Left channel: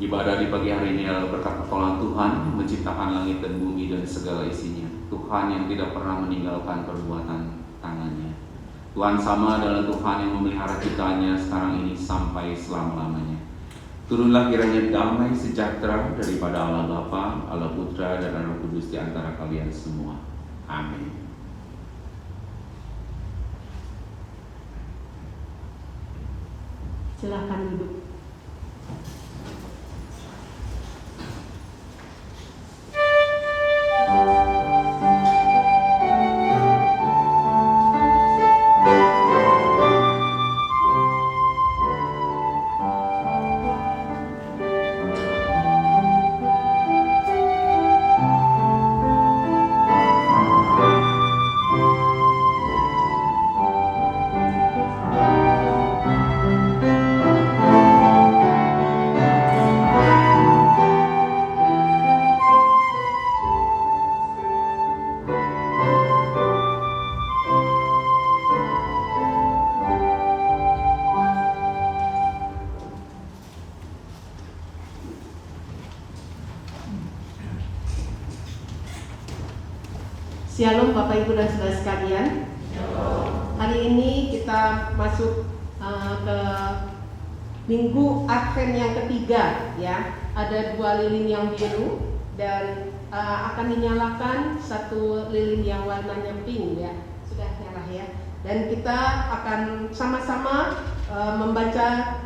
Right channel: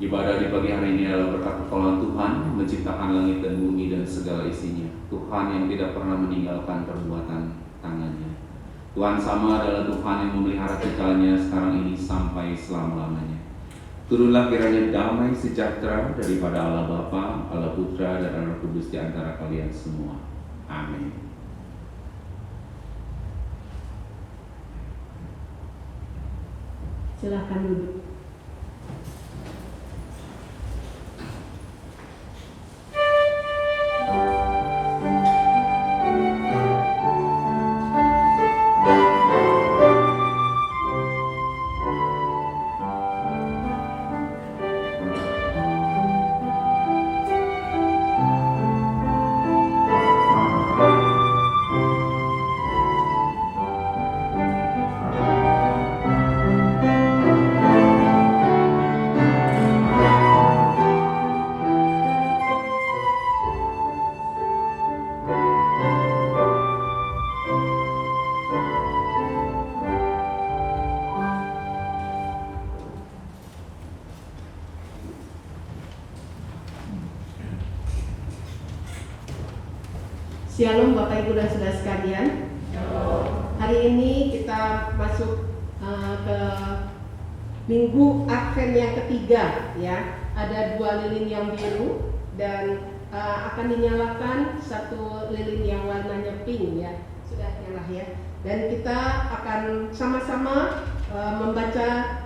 Ibadah di pagi hari ini adalah berkat pertolongan Tuhan yang menciptakan langit dan bumi dan segala isinya. Tuhan yang tidak pernah meninggalkan perbuatan tangannya. Tuhan sama adalah Tuhan yang memelihara ciptaannya sekarang ini sampai selama-lamanya. Turunlah kiranya damai sejahtera daripada Allah Bapa, Allah Putra, dan Allah Kudus di antara kalian semua. Amin. Silakan duduk. Shalom Bapak Ibu dan Saudara sekalian. Hari ini kita masuk ke Minggu Advent yang ketiga, ya. Ada 2 lilin yang biru dan akan dinyalakan 1 lilin yang warnanya pink, ya. Sudah nyala, ya. Dan kita akan sama-sama membaca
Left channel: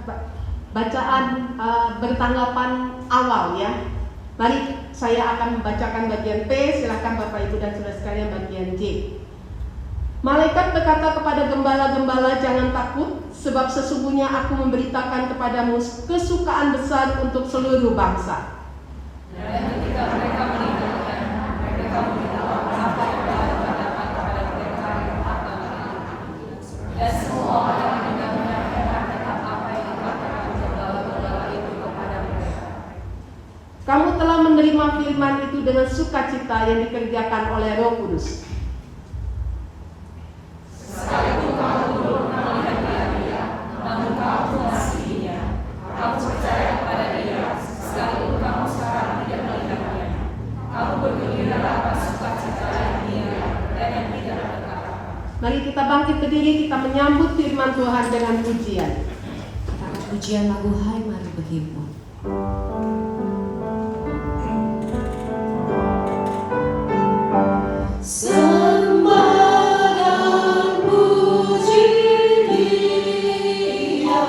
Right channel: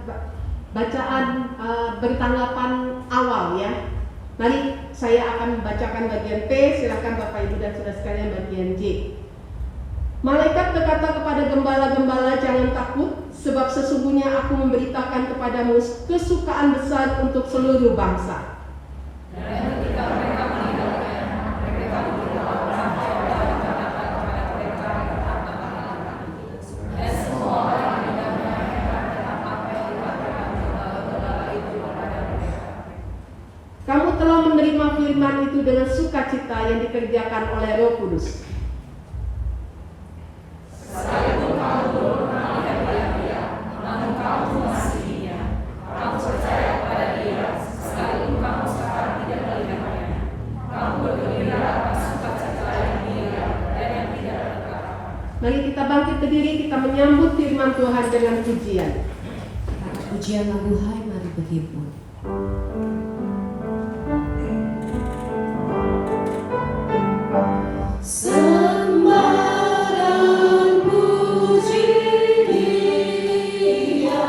bacaan bertanggapan awal, ya. Mari saya akan membacakan bagian P, silakan Bapak Ibu dan Saudara sekalian bagian J. Malaikat berkata kepada gembala-gembala, jangan takut, sebab sesungguhnya aku memberitakan kepadamu kesukaan besar untuk seluruh bangsa. Kamu telah menerima firman itu dengan sukacita yang dikerjakan oleh Roh Kudus. Sekalipun kamu belum pernah melihat dia, namun kamu mengasihinya. Kamu percaya kepada dia, sekalipun kamu sekarang tidak melihatnya. Kamu bergembira atas sukacita yang mulia dan yang tidak terkata. Mari kita bangkit berdiri, kita menyambut firman Tuhan dengan pujian. Pujian lagu Hai Mari Berhibur. Sembah dan puji Dia.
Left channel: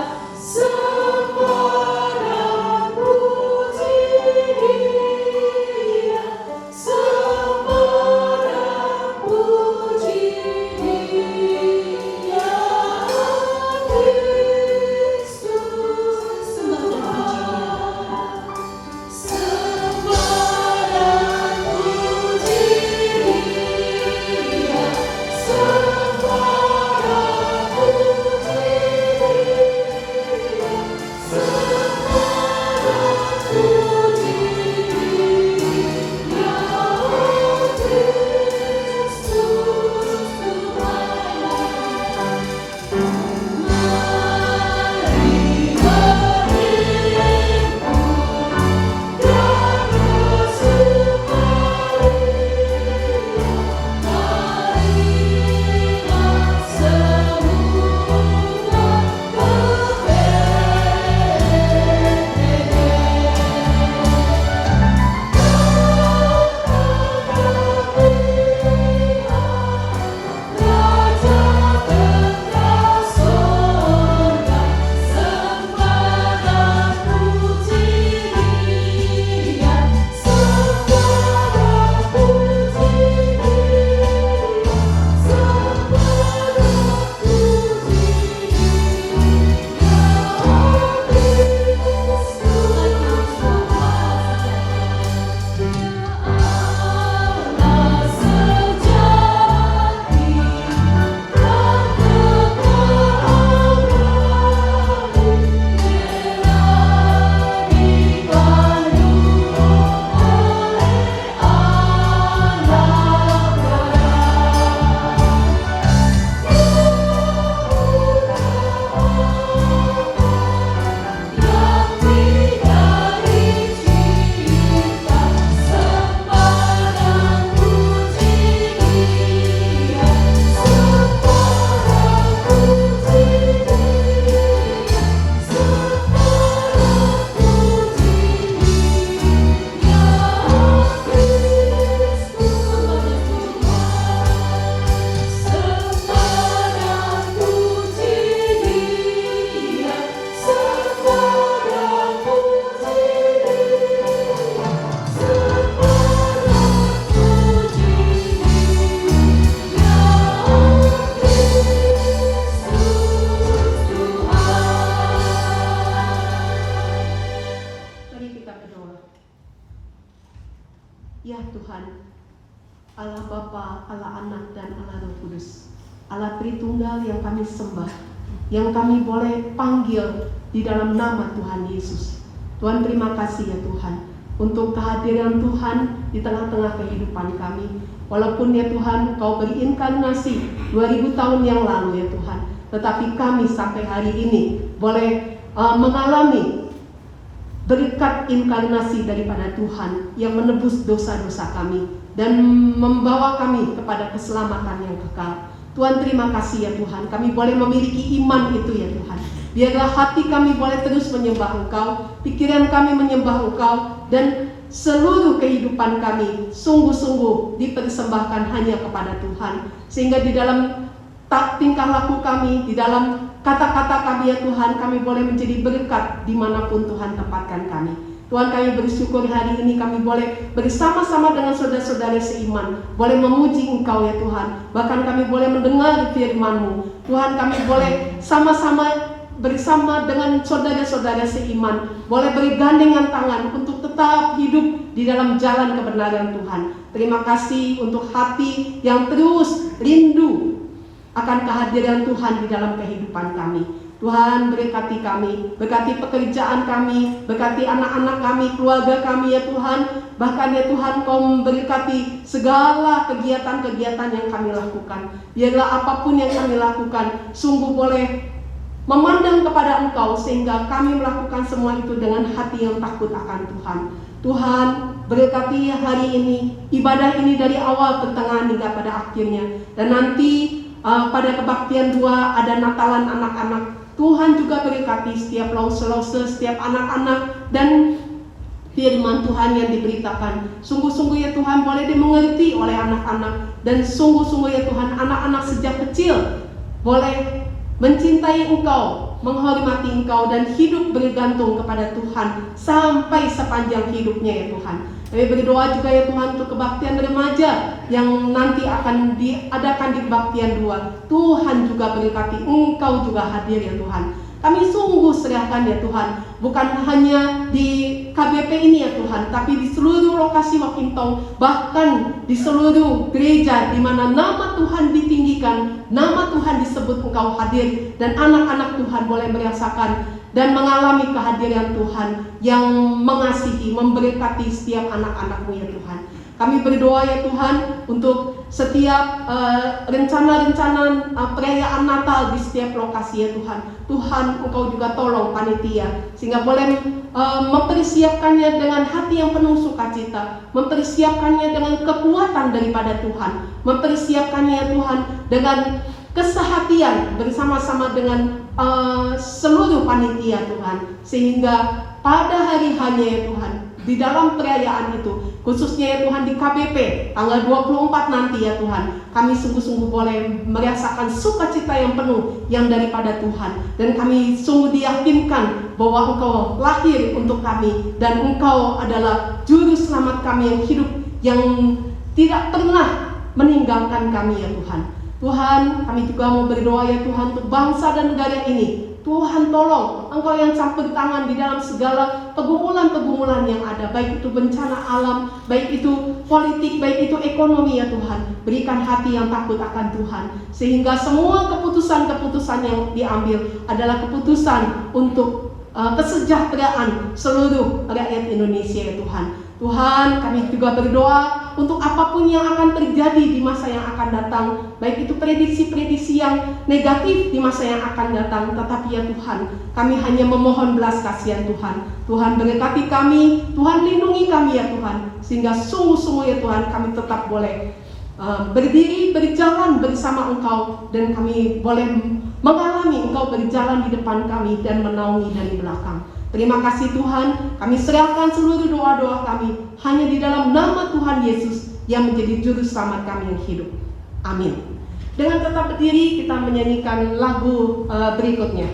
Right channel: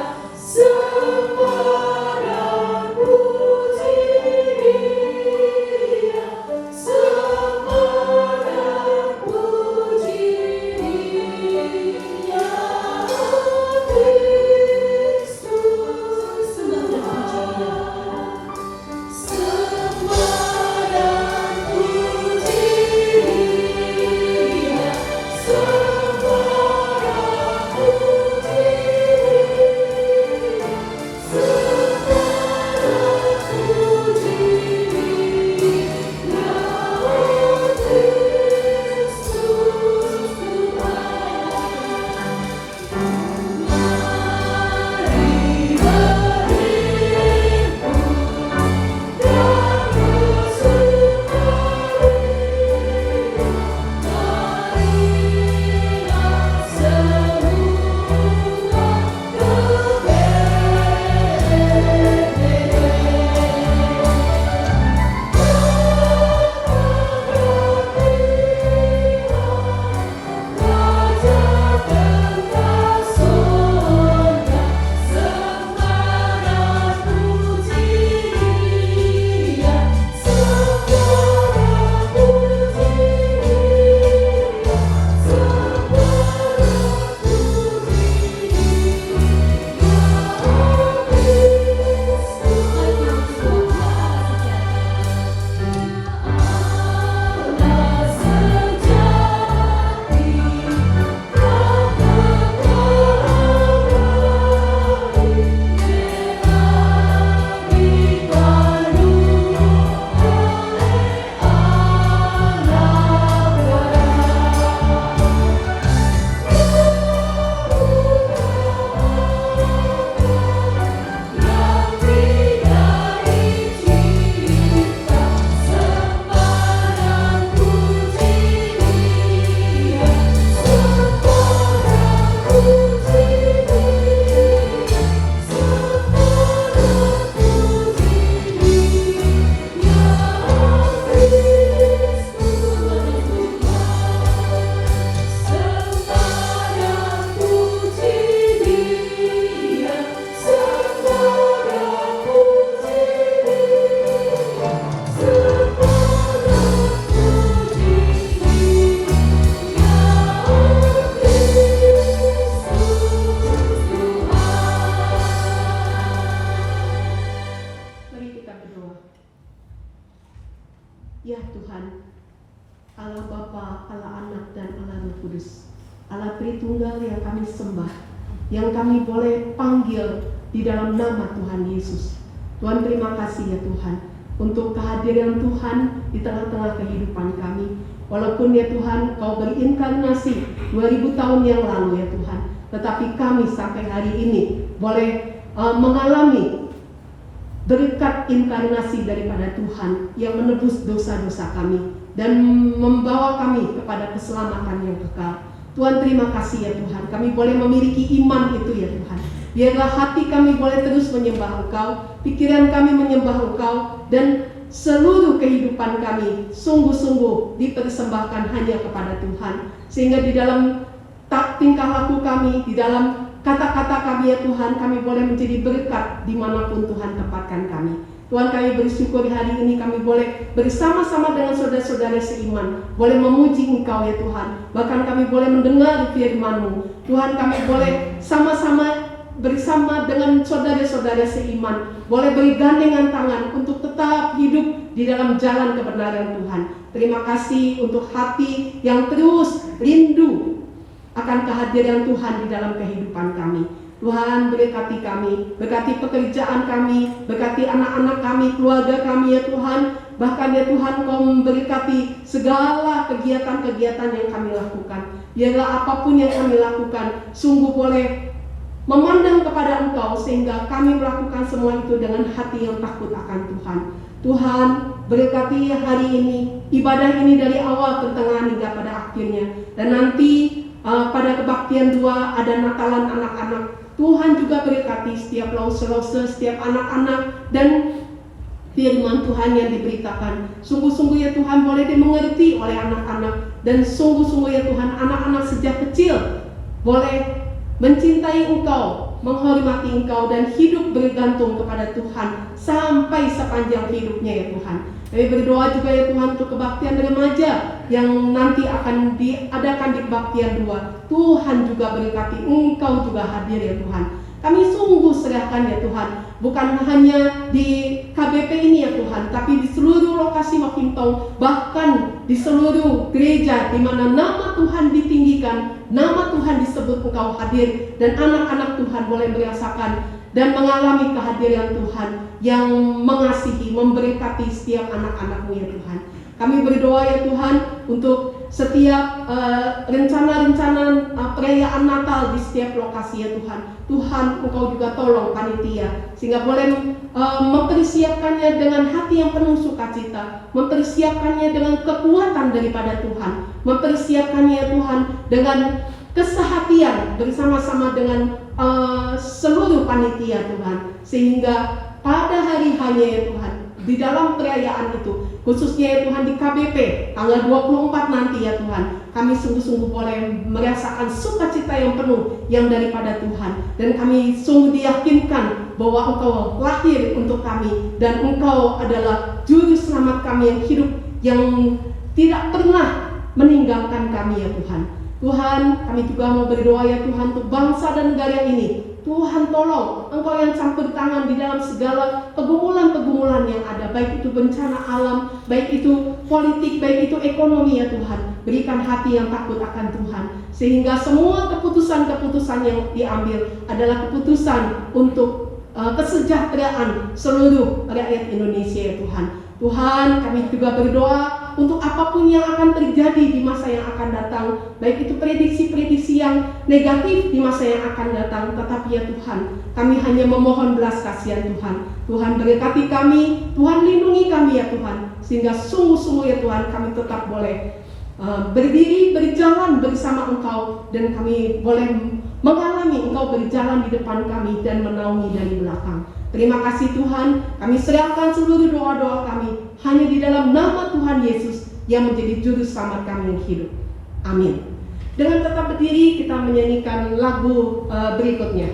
kita berdoa. Ya Tuhan, Allah Bapa, Allah Anak, dan Allah Roh Kudus, Allah Tritunggal yang kami sembah, yang kami boleh panggil di dalam nama Tuhan Yesus. Tuhan, terima kasih ya Tuhan untuk kehadiran Tuhan di tengah-tengah kehidupan kami. Walaupun ya Tuhan Kau berinkarnasi 2000 tahun yang lalu ya Tuhan, tetapi kami sampai hari ini boleh mengalami berkat inkarnasi daripada Tuhan yang menebus dosa-dosa kami dan membawa kami kepada keselamatan yang kekal. Tuhan, terima kasih ya Tuhan, kami boleh memiliki iman itu ya Tuhan. Biarlah hati kami boleh terus menyembah Engkau, pikiran kami menyembah Engkau, dan seluruh kehidupan kami sungguh-sungguh dipersembahkan hanya kepada Tuhan. Sehingga di dalam tingkah laku kami, di dalam kata-kata kami ya Tuhan, kami boleh menjadi berkat dimanapun Tuhan tempatkan kami. Tuhan, kami bersyukur hari ini kami boleh bersama-sama dengan saudara-saudara seiman, boleh memuji Engkau ya Tuhan. Bahkan kami boleh mendengar firman-Mu. Tuhan, kami boleh sama-sama bersama dengan saudara-saudara seiman, boleh bergandengan tangan untuk tetap hidup di dalam jalan kebenaran Tuhan. Terima kasih untuk hati yang terus rindu akan kehadiran Tuhan di dalam kehidupan kami. Tuhan, berkati kami, berkati pekerjaan kami, berkati anak-anak kami, keluarga kami ya Tuhan. Bahkan ya Tuhan, Kau memberkati segala kegiatan-kegiatan yang kami lakukan. Biarlah apapun yang kami lakukan sungguh boleh memandang kepada Engkau, sehingga kami melakukan semua itu dengan hati yang takut akan Tuhan. Tuhan, berkati hari ini, ibadah ini dari awal, pertengahan hingga pada akhirnya. Dan nanti pada kebaktian 2 ada Natalan anak-anak. Tuhan juga berkati setiap lause-lause, setiap anak-anak, dan firman Tuhan yang diberitakan. Sungguh-sungguh ya Tuhan boleh dimengerti oleh anak-anak, dan sungguh-sungguh ya Tuhan anak-anak sejak kecil boleh mencintai Engkau, menghormati Engkau, dan hidup bergantung kepada Tuhan sampai sepanjang hidupnya ya Tuhan. Kami berdoa juga ya Tuhan untuk kebaktian remaja yang nanti akan diadakan di kebaktian 2. Tuhan juga berkati, Engkau juga hadir ya Tuhan. Kami sungguh serahkan ya Tuhan, bukan hanya di KBP ini ya Tuhan, tapi di seluruh lokasi Wakintong, bahkan di seluruh gereja di mana nama Tuhan ditinggikan, nama Tuhan disebut, Engkau hadir, dan anak-anak Tuhan boleh merasakan dan mengalami kehadiran Tuhan yang mengasihi, memberkati setiap anak-anak-Mu ya Tuhan. Kami berdoa ya Tuhan untuk setiap rencana-rencana perayaan Natal di setiap lokasi ya Tuhan. Tuhan, Engkau juga tolong panitia sehingga boleh mempersiapkannya dengan hati yang penuh sukacita, mempersiapkannya dengan kekuatan daripada Tuhan, mempersiapkannya Tuhan dengan kesehatian bersama-sama dengan seluruh panitia Tuhan, sehingga pada hari hanya ya Tuhan di dalam perayaan itu, khususnya ya Tuhan di KBP tanggal 24 nanti ya Tuhan, kami sungguh-sungguh boleh merasakan sukacita yang penuh yang daripada Tuhan, dan kami sungguh diyakinkan bahwa Engkau lahir untuk kami, dan Engkau adalah juru selamat kami yang hidup, yang tidak pernah meninggalkan kami ya Tuhan. Tuhan, kami juga mau berdoa ya Tuhan untuk bangsa dan negara ini. Tuhan tolong, Engkau yang campur tangan di dalam segala pergumulan-pergumulan yang ada, baik itu bencana alam, baik itu politik, baik itu ekonomi ya Tuhan. Berikan hati yang takut akan Tuhan, sehingga semua keputusan-keputusan yang diambil adalah keputusan untuk kesejahteraan seluruh rakyat Indonesia ya Tuhan. Tuhan, kami juga berdoa untuk apapun yang akan terjadi di masa yang akan datang, baik itu prediksi-prediksi yang negatif di masa yang akan datang, tetapi ya Tuhan, kami hanya memohon belas kasihan Tuhan. Tuhan berkati kami, Tuhan lindungi kami ya Tuhan, sehingga sungguh-sungguh ya Tuhan kami tetap boleh berdiri, berjalan bersama Engkau, dan kami boleh mengalami Engkau berjalan di depan kami dan menaungi dari belakang. Terima kasih Tuhan, kami serahkan seluruh doa-doa kami hanya di dalam nama Tuhan Yesus yang menjadi juru selamat kami yang hidup. Amin. Dengan tetap berdiri kita menyanyikan lagu berikutnya.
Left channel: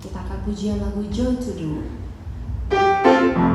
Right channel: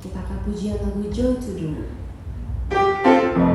Kita akan pujian lagu Joy to the World. Hatimu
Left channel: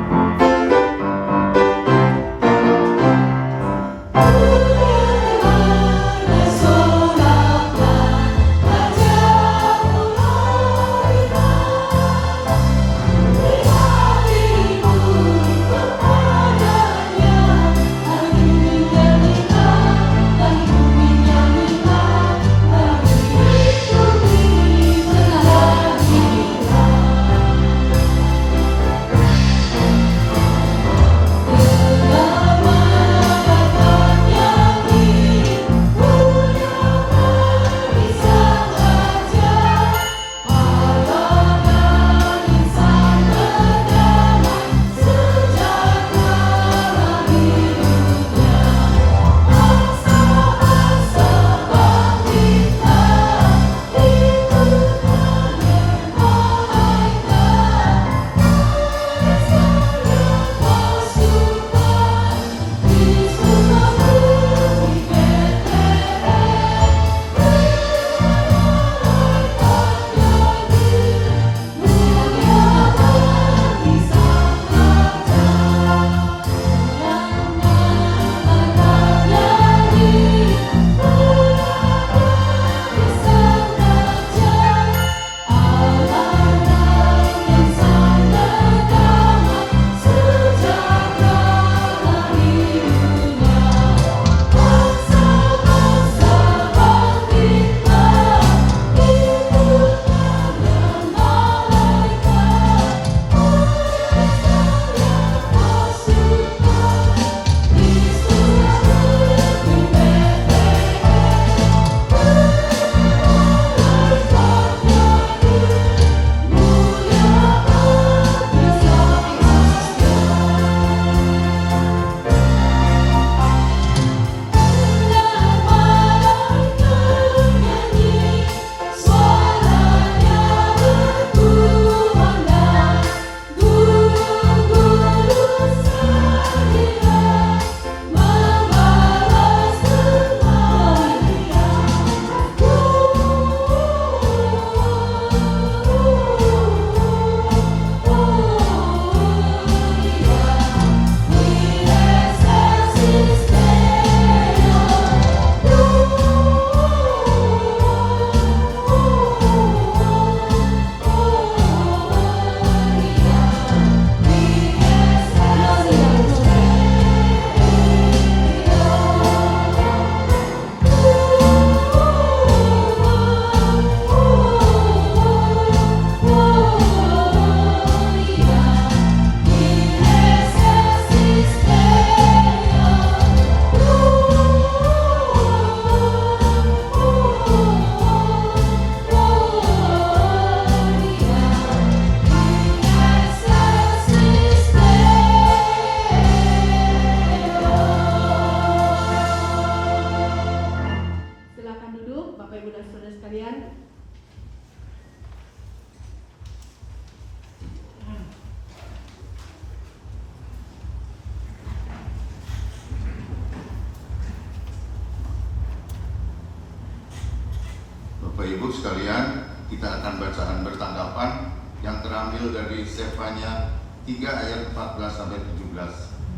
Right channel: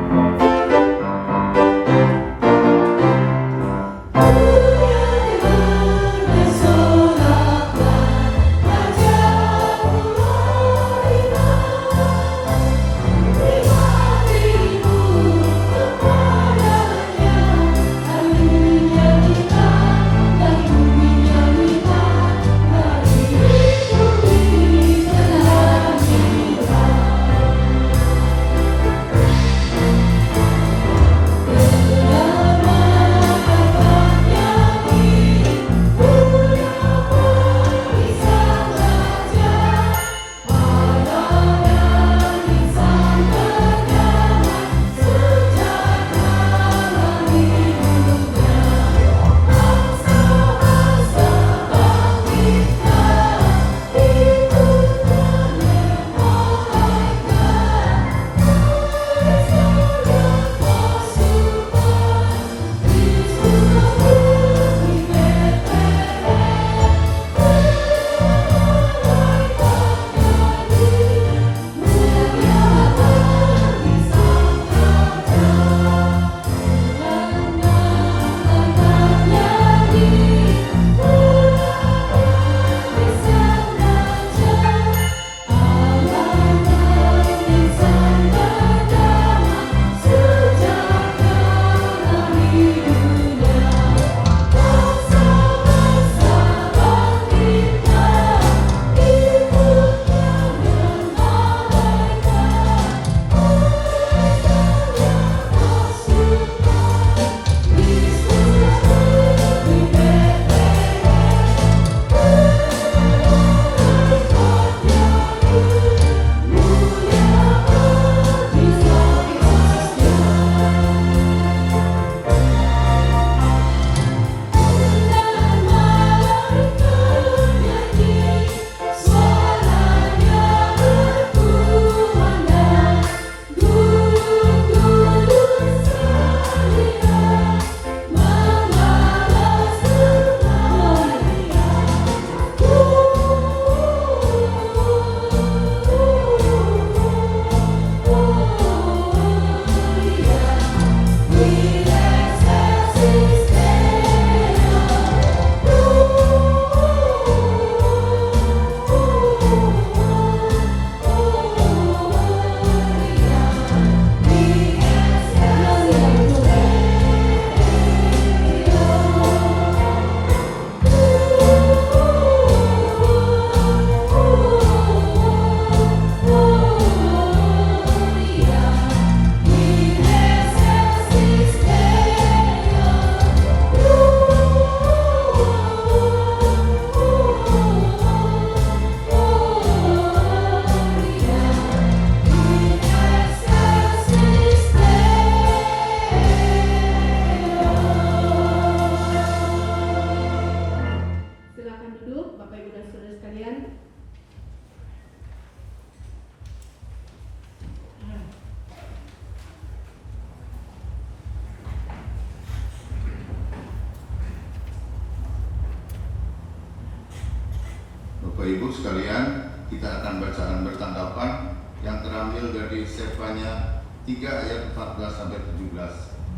Ibu sekalian, kita akan bacaan bertanggapan yang terambil dari Sefanya 3 ayat 14 sampai 17.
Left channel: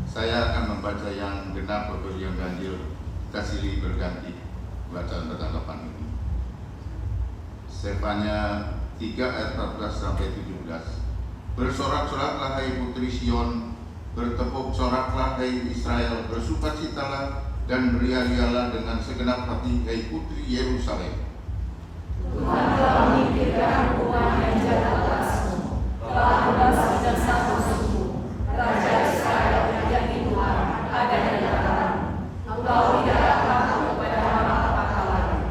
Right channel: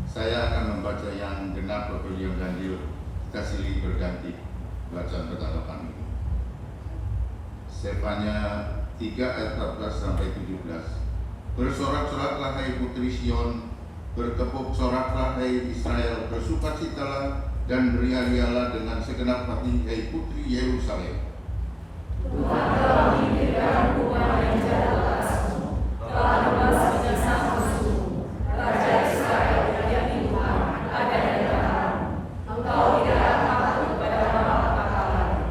Saya akan membaca yang genap atau yang ganjil, kita silih berganti bacaan bertanggapan ini. Sefanya 3 ayat 14 sampai 17. Bersorak-soraklah hai putri Sion, bertepuk soraklah hai Israel, bersukacitalah dan beria-rialah dengan segenap hati hai putri Yerusalem. Tuhan telah mengirimkan Tuhan yang jaga lekasmu, telah berbasar dan sang musuhmu, Raja Israel yang Tuhan ada di antaramu. Engkau tidak akan takut kepada nama apa lagi.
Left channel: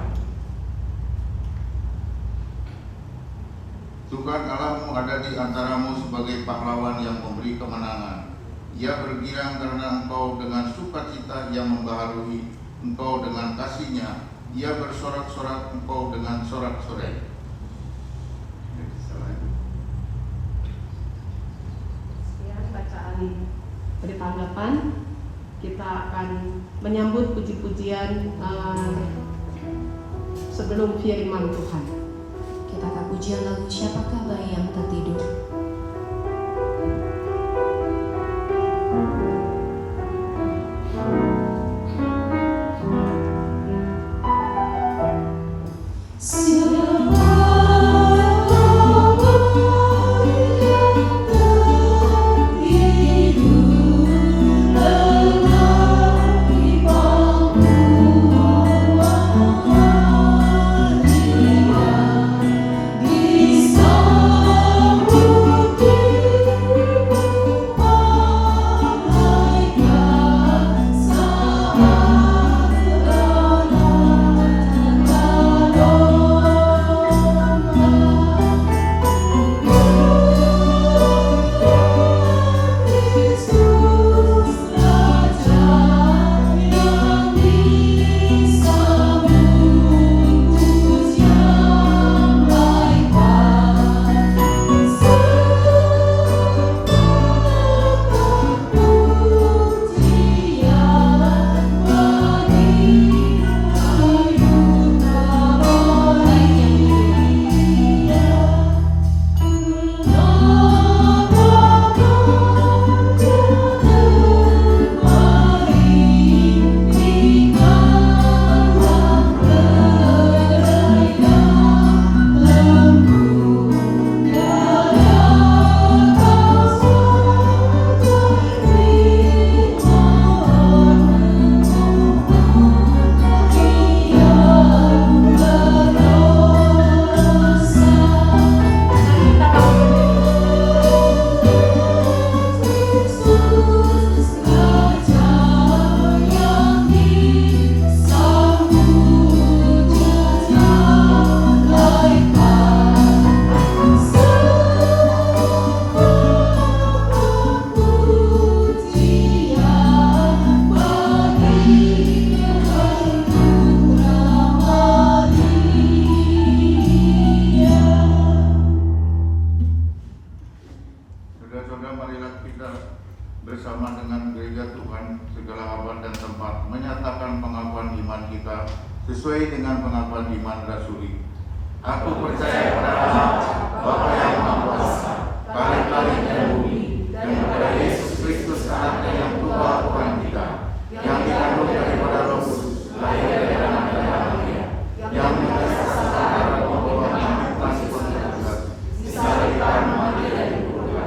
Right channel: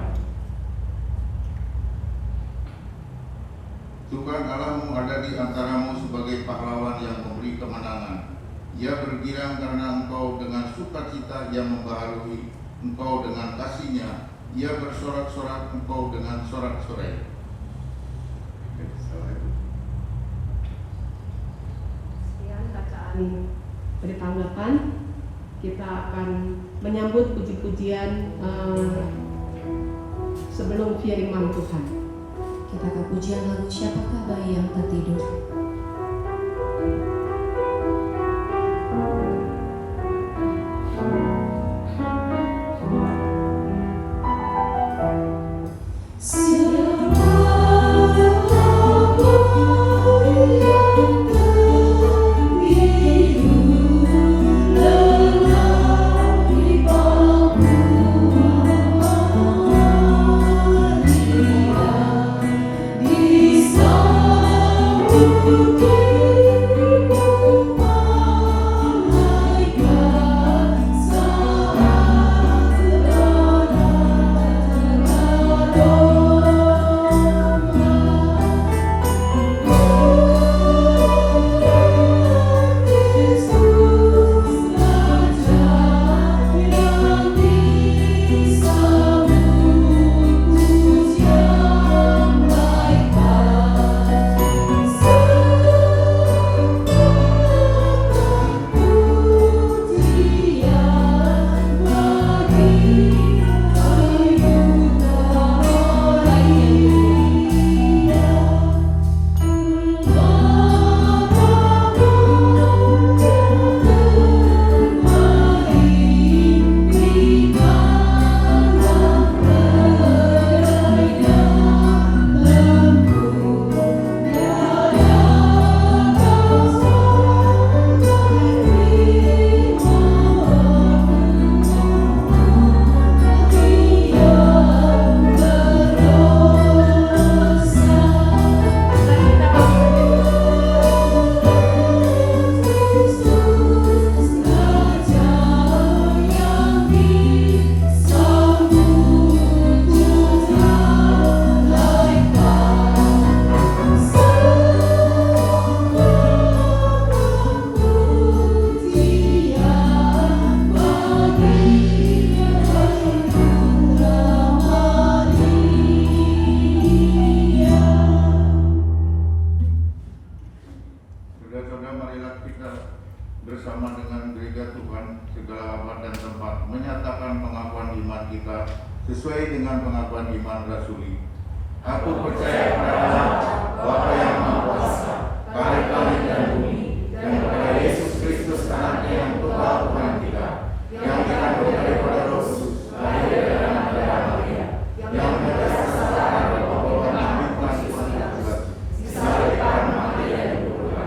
Tuhan Allahmu ada di antaramu sebagai pahlawan yang memberi kemenangan. Ia bergirang karena engkau dengan sukacita yang membaharui engkau dengan kasih-Nya. Ia bersorak-sorak engkau dengan sorak-sorai. Sekian bacaan bertanggapan. Kita akan menyambut puji-pujian sebelum firman Tuhan. Kita akan pujian lagu Siapakah Bayi yang Tertidur. bersama dengan gereja Tuhan segala abad dan tempat menyatakan pengakuan iman kita sesuai dengan pengakuan iman rasuli. Aku percaya pada Allah, Bapa yang Maha Kuasa, Tuhan langit dan bumi, dan kepada Yesus Kristus anaknya yang Tuhan kita, yang dikandung daripada Roh Kudus, lahir dari anak Maria, yang berasal dari Tuhan Yesus Kristus, disalibkan mati dan dikubur,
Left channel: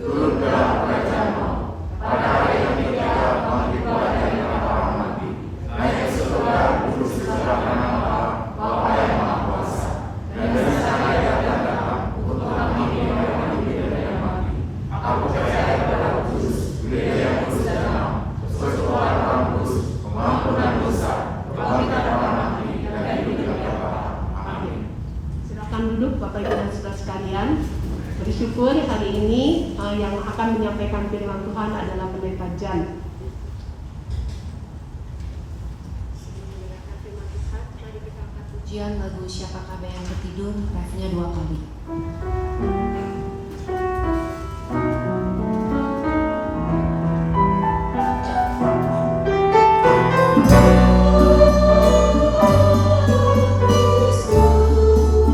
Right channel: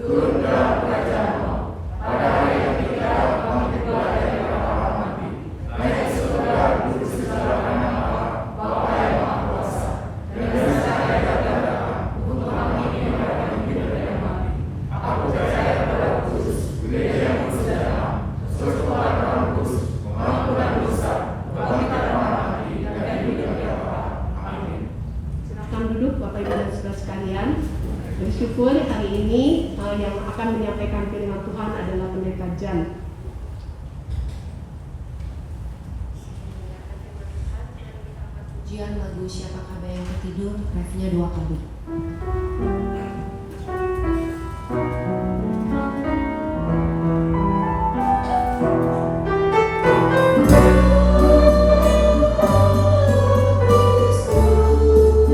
turun ke dalam kerajaan Allah, pada hari yang ketiga bangkit dari para mati, naik ke surga duduk sebelah kanan Allah, Bapa yang Maha Kuasa, dan dari sana dia akan datang untuk menghakimi mereka yang hidup dan yang mati. Aku percaya pada Roh Kudus, gereja yang bersejarah, persekutuan orang kudus, pengampunan dosa, kebangkitan orang mati, dan hidup yang kekal. Amin. Silakan duduk Bapak Ibu dan Saudara sekalian. Bersyukur hari ini yang akan menyampaikan firman Tuhan adalah Pendeta Jan. Pujian lagu Siapakah Bayi yang Tertidur, refnya 2 kali. Yesus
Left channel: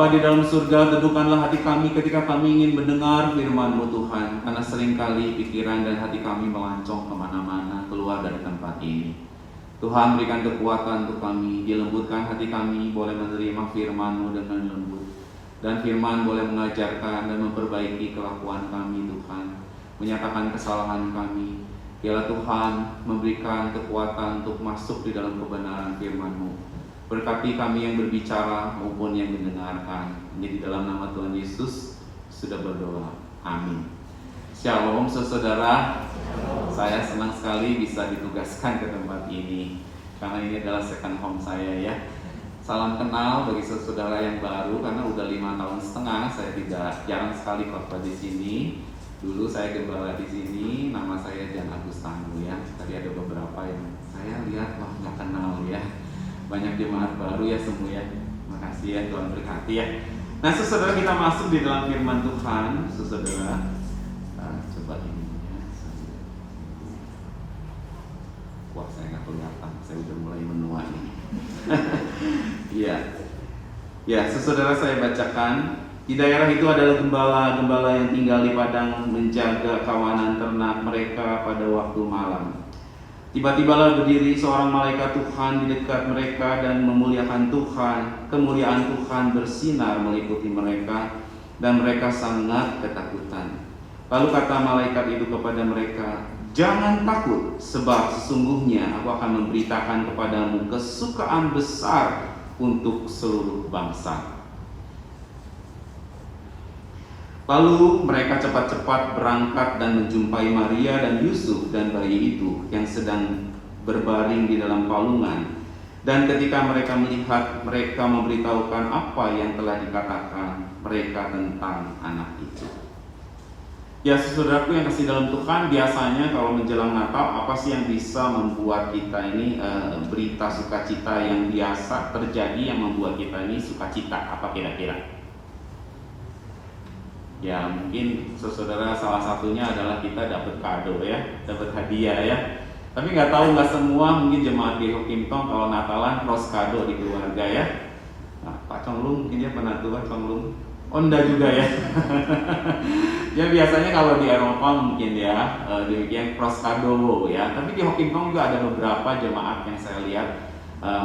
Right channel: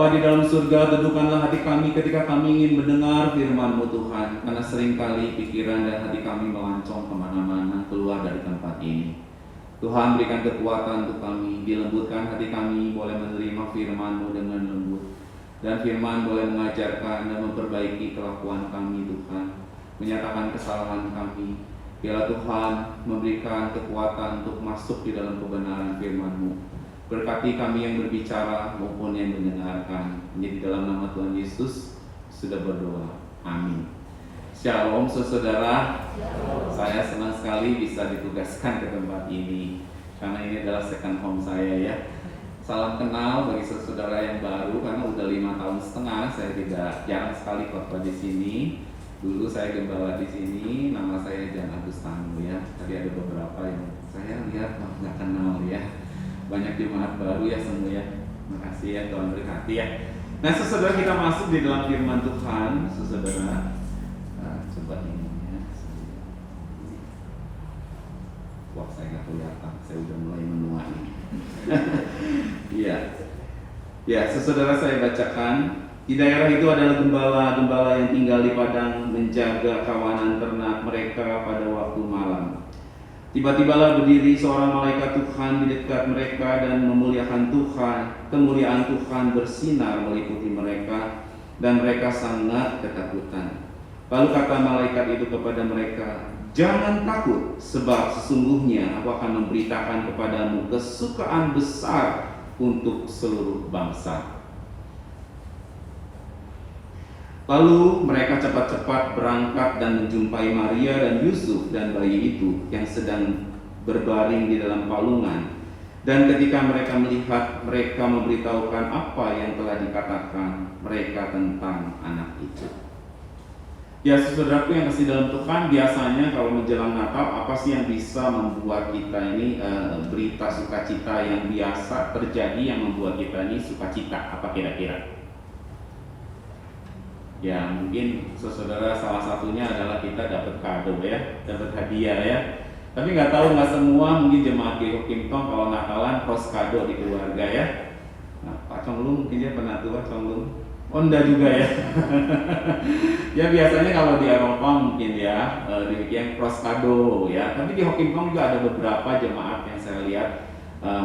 Bapa di dalam surga, teduhkanlah hati kami ketika kami ingin mendengar firman-Mu Tuhan, karena seringkali pikiran dan hati kami melancong kemana-mana keluar dari tempat ini. Tuhan, berikan kekuatan untuk kami, dilembutkan hati kami, boleh menerima firman-Mu dengan lembut, dan firman boleh mengajarkan dan memperbaiki kelakuan kami Tuhan, menyatakan kesalahan kami. Biarlah Tuhan memberikan kekuatan untuk masuk di dalam kebenaran firman-Mu. Berkati kami yang berbicara maupun yang mendengarkan. Di dalam nama Tuhan Yesus sudah berdoa. Amin. Shalom saudara. Saya senang sekali bisa ditugaskan ke tempat ini, karena ini adalah second home saya ya. Salam kenal bagi saudara yang baru, karena udah 5 tahun setengah saya jarang sekali khotbah di sini. Dulu saya gembala di sini, nama saya Jan Agustano ya. Tadi ada beberapa yang saya lihat nggak kenal ya. Banyak jemaat baru ya semua ya. Makasih ya, Tuhan berkati ya. Nah, saudara, kita masuk di dalam firman Tuhan, saudara. Coba ini ya. Wah, saya nggak kelihatan. Saya udah mulai menua ini. Iya. Ya, saudara, saya bacakan. Di daerah itu adalah gembala-gembala yang tinggal di padang menjaga kawanan ternak mereka pada waktu malam. Tiba-tibalah berdiri seorang malaikat Tuhan di dekat mereka dan memuliakan Tuhan. Kemuliaan Tuhan bersinar meliputi mereka dan mereka sangat ketakutan. Lalu kata malaikat itu kepada mereka, "Jangan takut, sebab sesungguhnya aku akan memberitakan kepadamu kesukaan besar untuk seluruh bangsa." Lalu mereka cepat-cepat berangkat dan menjumpai Maria dan Yusuf dan bayi itu yang sedang berbaring di dalam palungan. Dan ketika mereka melihat, mereka memberitahukan apa yang telah dikatakan mereka tentang anak itu. Ya, saudaraku yang kasih dalam Tuhan, biasanya kalau menjelang Natal, apa sih yang bisa membuat kita ini berita sukacita yang biasa terjadi yang membuat kita ini sukacita? Apa kira-kira? Ya, mungkin saudara salah satunya adalah kita dapat kado ya, dapat hadiah ya. Tapi nggak tahu, nggak semua mungkin jemaat di Hokimtong kalau Natalan cross kado di keluarga ya. Nah, Pak Conglung mungkin dia pernah tuh Pak Conglung. Onda juga ya. Ya biasanya kalau di Eropa mungkin ya demikian cross kado ya. Tapi di Hokimtong juga ada beberapa jemaat yang saya lihat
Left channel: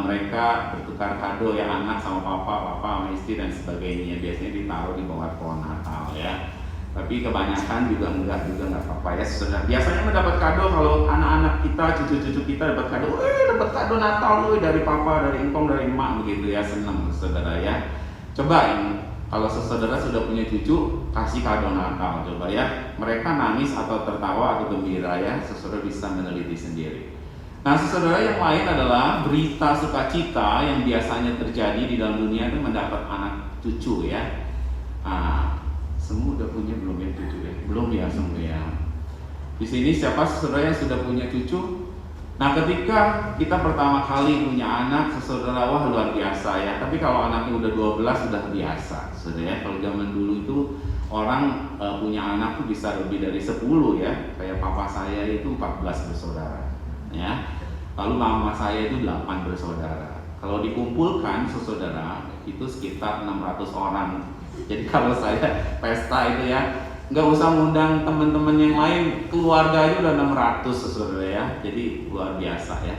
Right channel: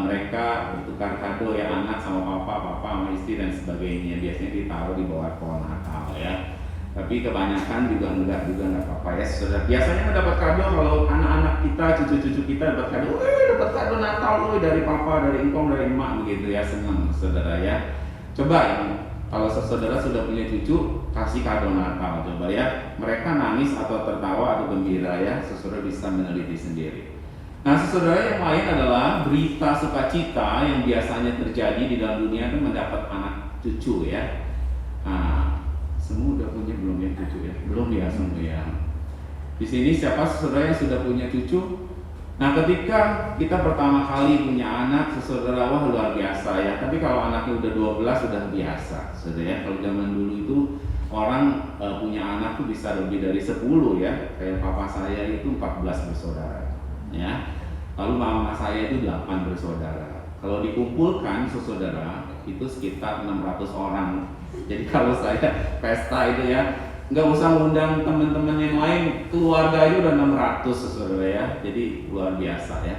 mereka bertukar kado ya, anak sama papa sama istri dan sebagainya. Biasanya ditaruh di bawah pohon Natal ya. Tapi kebanyakan juga nggak apa-apa ya. Saudara, biasanya mendapat kado kalau anak-anak kita, cucu-cucu kita dapat kado, dapat kado Natal dari papa, dari engkong, dari emak begitu ya, senang saudara ya. Coba ini, kalau saudara sudah punya cucu, kasih kado Natal coba ya. Mereka nangis atau tertawa atau gembira ya, saudara bisa meneliti sendiri. Nah, saudara, yang lain adalah berita sukacita yang biasanya terjadi di dalam dunia itu mendapat anak cucu ya. Nah, semua udah punya belum ya cucu ya? Belum ya semua ya. Di sini siapa saudara yang sudah punya cucu? Nah, ketika kita pertama kali punya anak, saudara, wah luar biasa ya. Tapi kalau anaknya udah 12 sudah biasa, saudara ya. Kalau zaman dulu itu orang punya anak tuh bisa lebih dari 10 ya. Kayak papa saya itu 14 bersaudara ya. Lalu mama saya itu 8 bersaudara. Kalau dikumpulkan saudara itu sekitar 600 orang. Jadi kalau saya pesta itu ya, nggak usah ngundang teman-teman yang lain, keluarga itu udah 600 saudara ya. Jadi luar biasa ya.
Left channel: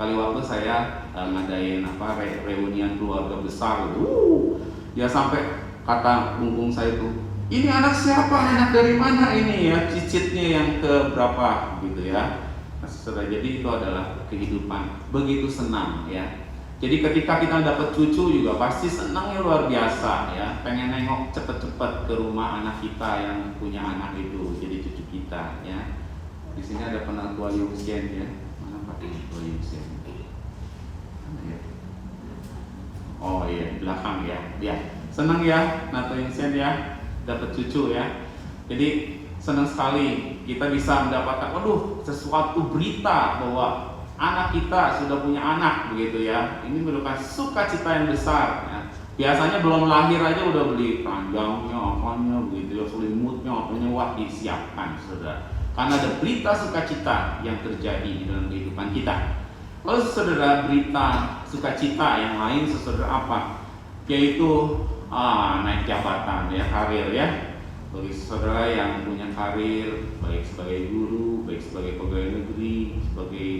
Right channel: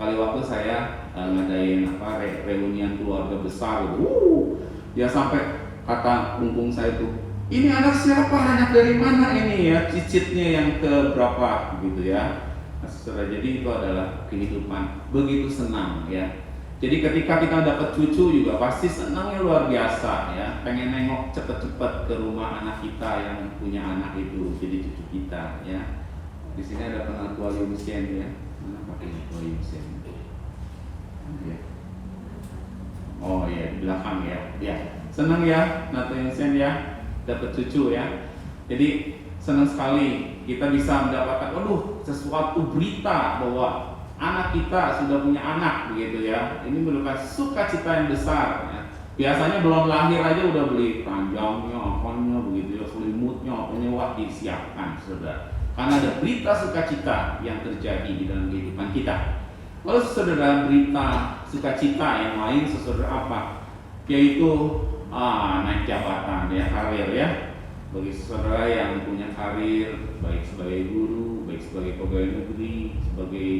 Kali waktu saya ngadain reunian keluarga besar, dia sampai kata punggung saya tuh, "Ini anak siapa? Anak dari mana ini ya? Cicitnya yang ke berapa?" gitu ya. Nah, saudara, jadi itu adalah kehidupan, begitu senang ya. Jadi ketika kita dapat cucu juga pasti senangnya luar biasa ya. Pengen nengok cepet-cepet ke rumah anak kita yang punya anak itu, jadi cucu kita ya. Di sini ada penatua Yungsien ya. Mana Pak penatua Yungsien? Oh iya, di belakang ya. Ya, senang ya penatua Yungsien ya, dapat cucu ya. Jadi senang sekali kita bisa mendapatkan sesuatu berita bahwa anak kita sudah punya anak begitu ya. Ini merupakan sukacita yang besar ya. Biasanya belum lahir aja udah beli keranjangnya, apanya begitu ya, selimutnya, apanya, wah disiapkan saudara. Karena ada berita sukacita yang terjadi di dalam kehidupan kita. Kalau saudara berita sukacita yang lain saudara apa? Yaitu naik jabatan ya, karir ya. Bagi saudara yang punya karir, baik sebagai guru, baik sebagai pegawai negeri, sebagai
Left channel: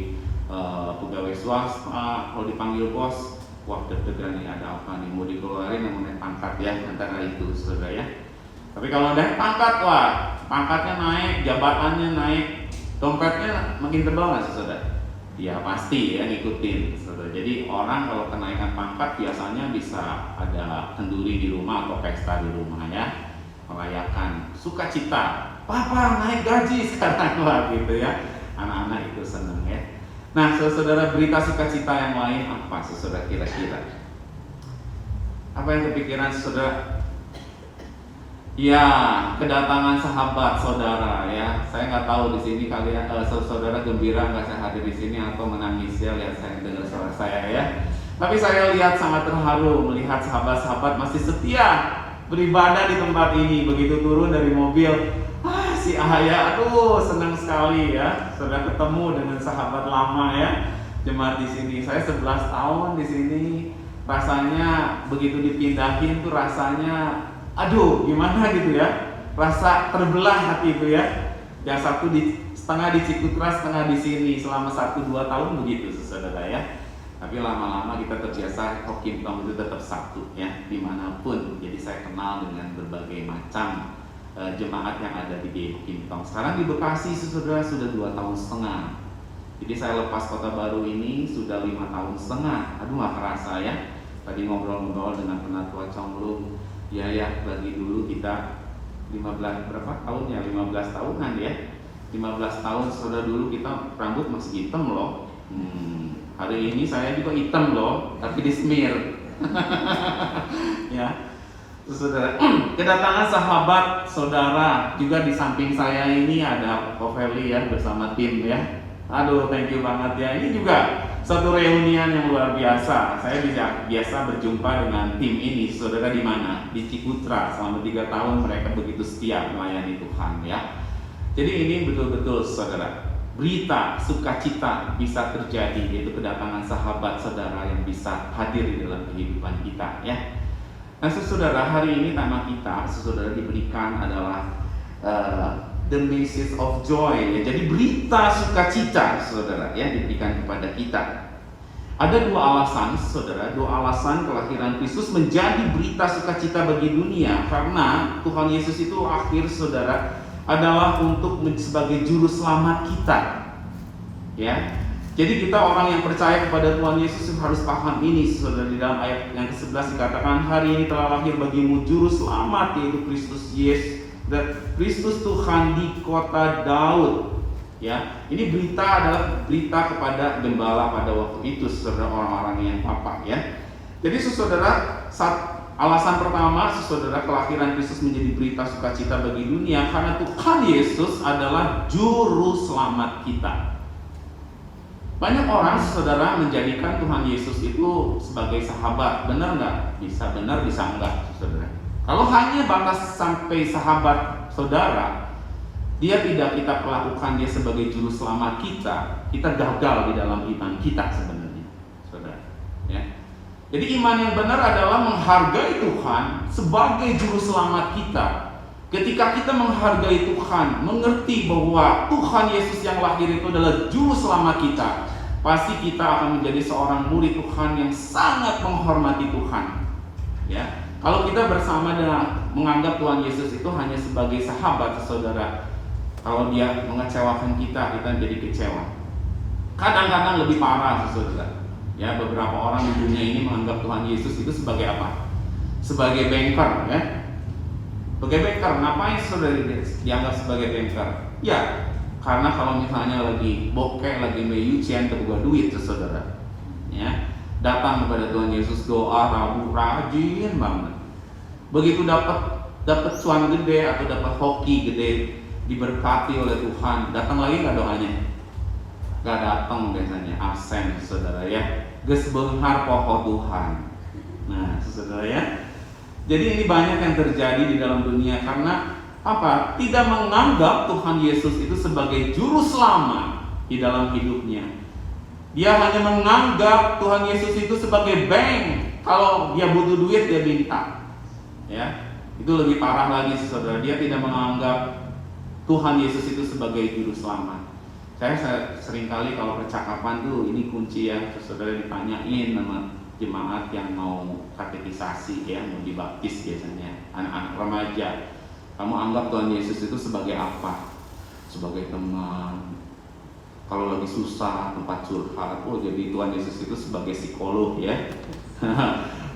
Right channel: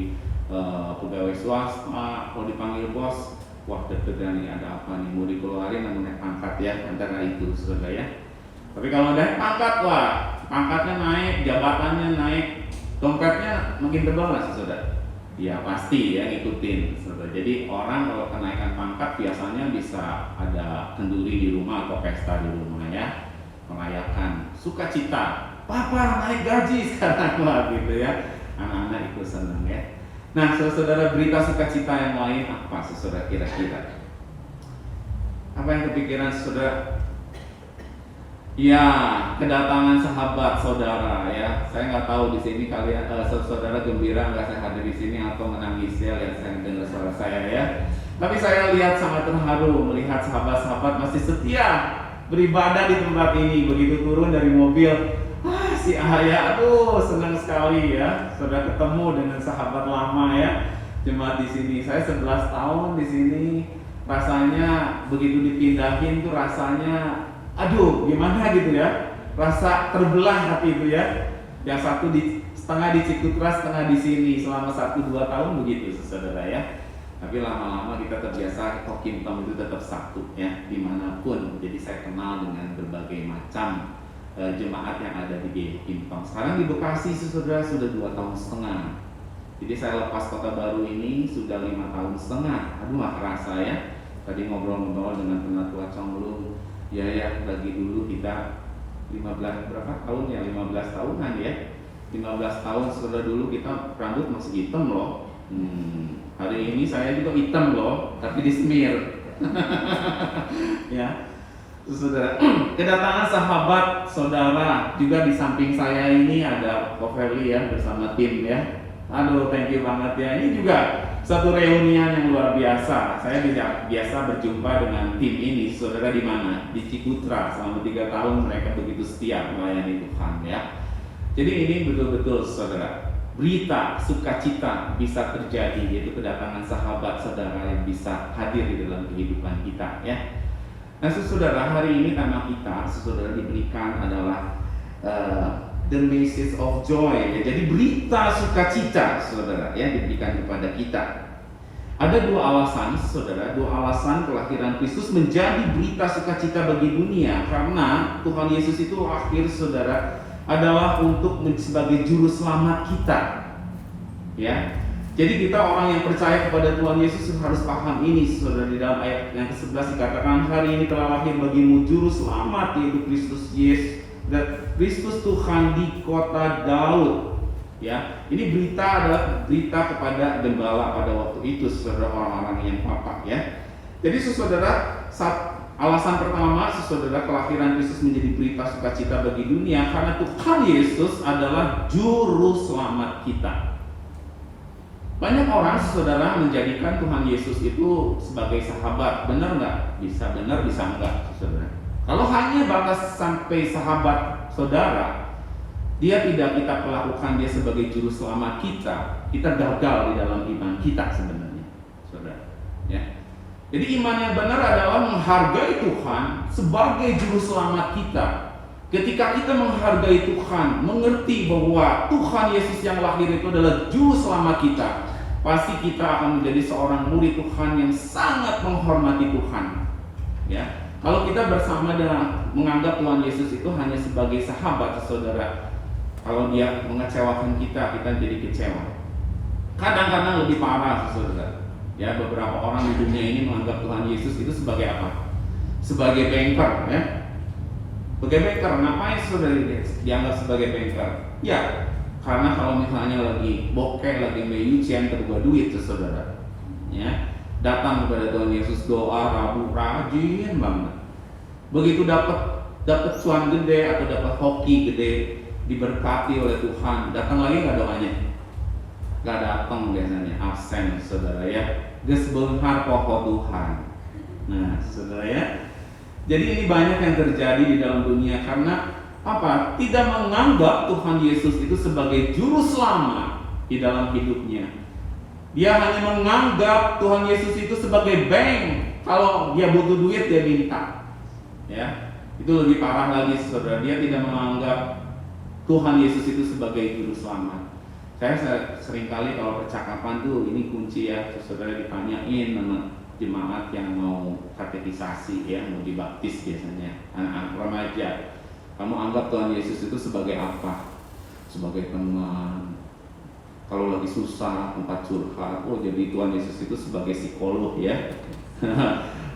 pegawai swasta, kalau dipanggil bos, wah deg-degan nih, ada apa nih, mau dikeluarin yang naik pangkat ya, antara itu saudara ya. Tapi kalau naik pangkat, wah pangkatnya naik, jabatannya naik, dompetnya makin tebal nggak saudara? Ya pasti ya, ngikutin saudara. Jadi orang kalau kenaikan pangkat biasanya bisa ada kenduri di rumah atau pesta di rumah ya, merayakan sukacita, papa naik gaji sekarang lah gitu ya, anak-anak itu senang ya. Nah saudara, berita sukacita yang lain apa saudara kira-kira? Apa yang kepikiran saudara? Ya, kedatangan sahabat saudara ya. Saya nggak tahu di sini kalian saudara gembira nggak saya hadir di sini atau menangis ya lihat saya dengar suara saya ya. Tapi saya lihat sangat terharu melihat sahabat-sahabat masih setia beribadah di tempat ini. Begitu turun dari mobil, si Ahaya, aduh senang sekali ya. Sudah ketemu dengan sahabat lama ya, jemaat di sini. Saya 11 tahun di sini. Rasanya begitu dipindahin tuh rasanya, aduh gimana gitu ya. Rasa terbelah hati itu ya. Yang satu setengah di Cikutra, setengah di sini selama 1-2 tahun begitu saudara ya. Tapi lama-lama kita terbiasa, Kim Tong itu tetap satu ya, dimanapun. Jadi saya kenal dengan berbagai macam jemaat yang ada di Kim Tong. Sekarang di Bekasi saudara sudah 2 tahun setengah. Jadi saya lepas Kota Baru ini sudah 5 tahun setengah. Aduh gak kerasa ya. Tadi ngobrol-ngobrol dengan Penatua Conglung, ya bagi dulu kita 15 berapa tahun ya, 15 tahunan ya. 15 tahun saudara, dulu kita rambut masih hitam loh. Hari ini saya juga hitam loh, tapi dismir. Ya. Saudara, kedatangan sahabat saudara juga di samping saya ini ada Ko Feli ya bersama tim ya. Aduh, thank you banget ya. Ini juga satu reunian yang luar biasa. Saya biasa berjumpa dengan tim ini, saudara, di mana? Di Cikutra. Selama 3 tahun mereka begitu setia melayani Tuhan ya. Jadi ini betul-betul saudara, berita sukacita bisa terjadi, yaitu kedatangan sahabat saudara yang bisa hadir di dalam kehidupan kita ya. Nah saudara, hari ini tema kita saudara diberikan adalah the message of joy ya. Jadi berita sukacita saudara ya diberikan kepada kita. Ada 2 alasan saudara, 2 alasan kelahiran Kristus menjadi berita sukacita bagi dunia. Karena Tuhan Yesus itu akhir saudara adalah untuk sebagai juru selamat kita ya. Jadi kita orang yang percaya kepada Tuhan Yesus harus paham ini saudara. Di dalam ayat yang ke-11 dikatakan, hari ini telah lahir bagimu juru selamat, yaitu Kristus Yesus, dan Kristus Tuhan di kota Daud ya. Ini berita adalah berita kepada gembala pada waktu itu saudara, orang-orang yang papa ya. Jadi saudara, alasan pertama saudara, kelahiran Kristus menjadi berita sukacita bagi dunia karena Tuhan Yesus adalah juru selamat kita. Banyak orang saudara menjadikan Tuhan Yesus itu sebagai sahabat. Benar nggak? Bisa benar, bisa enggak saudara. Kalau hanya batas sampai sahabat saudara, dia tidak kita perlakukan dia sebagai juru selamat kita gagal di dalam iman kita sebenarnya saudara ya. Jadi iman yang benar adalah menghargai Tuhan sebagai juru selamat kita. Ketika kita menghargai Tuhan, mengerti bahwa Tuhan Yesus yang lahir itu adalah juru selamat kita, pasti kita akan menjadi seorang murid Tuhan yang sangat menghormati Tuhan ya. Kalau kita bersama dengan menganggap Tuhan Yesus itu hanya sebagai sahabat saudara, kalau dia mengecewakan kita jadi kecewa. Kadang-kadang lebih parah saudara ya, beberapa orang di dunia ini menganggap Tuhan Yesus itu sebagai apa? Sebagai banker ya. Sebagai banker, ngapain saudara dianggap sebagai banker? Ya, karena kalau misalnya lagi bokeh, lagi meyucian, kedua duit saudara ya, datang kepada Tuhan Yesus, doa rabu rajin banget. Begitu dapat cuan gede atau dapat hoki gede, diberkati oleh Tuhan, datang lagi nggak doanya? Nggak datang biasanya, absen saudara ya. Geus beunghar poho Tuhan. Nah saudara ya, jadi ini banyak yang terjadi di dalam dunia karena apa? Tidak menganggap Tuhan Yesus itu sebagai juru selamat di dalam hidupnya. Dia hanya menganggap Tuhan Yesus itu sebagai bank. Kalau dia butuh duit dia minta. Ya, itu lebih parah lagi saudara, dia tidak menganggap Tuhan Yesus itu sebagai juru selamat. Saya seringkali kalau percakapan tuh ini kunci ya, saudara ditanyain sama jemaat yang mau katekisasi ya, mau dibaptis biasanya, anak-anak remaja. Kamu anggap Tuhan Yesus itu sebagai apa? Sebagai teman. Kalau lagi susah, tempat curhat, jadi Tuhan Yesus itu sebagai psikolog ya.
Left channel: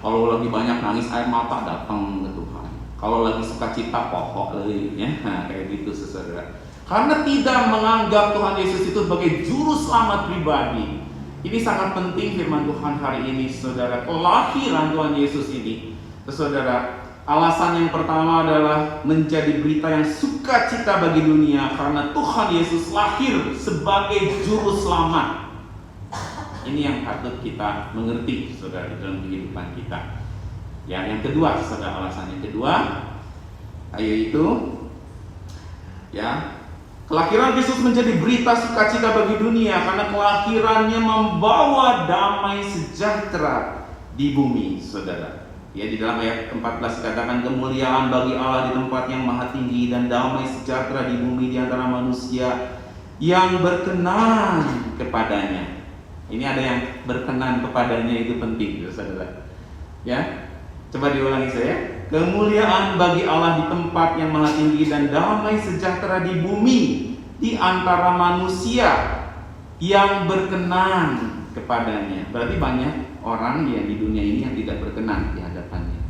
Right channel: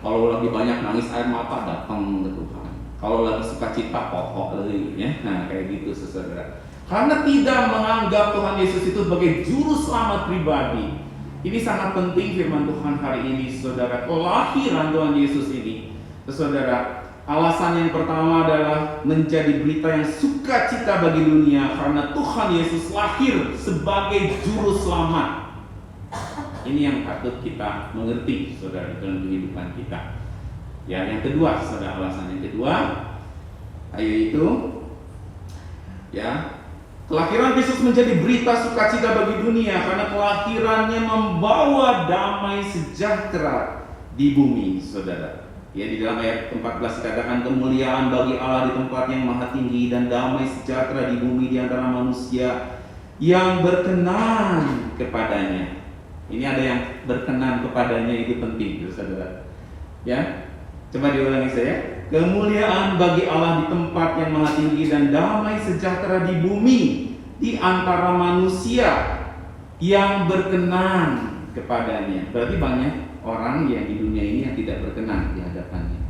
Kalau lagi banyak nangis air mata, datang ke Tuhan. Kalau lagi sukacita, pokok lagi ya. Nah, kayak gitu saudara. Karena tidak menganggap Tuhan Yesus itu sebagai juru selamat pribadi. Ini sangat penting firman Tuhan hari ini, saudara. Kelahiran Tuhan Yesus ini, saudara, alasan yang pertama adalah menjadi berita yang sukacita bagi dunia karena Tuhan Yesus lahir sebagai juru selamat. Ini yang patut kita mengerti, saudara, dalam kehidupan kita. Ya, yang kedua, saudara, alasan yang kedua yaitu ya, kelahiran Yesus menjadi berita sukacita bagi dunia karena kelahirannya membawa damai sejahtera di bumi, saudara. Ya, di dalam ayat 14 dikatakan kemuliaan bagi Allah di tempat yang maha tinggi dan damai sejahtera di bumi di antara manusia yang berkenan kepadanya. Ini ada yang berkenan kepadanya, itu penting, saudara. Ya, coba diulangi saya. Kemuliaan bagi Allah di tempat yang maha tinggi dan damai sejahtera di bumi di antara manusia yang berkenan kepadanya. Berarti banyak orang yang di dunia ini yang tidak berkenan di hadapannya.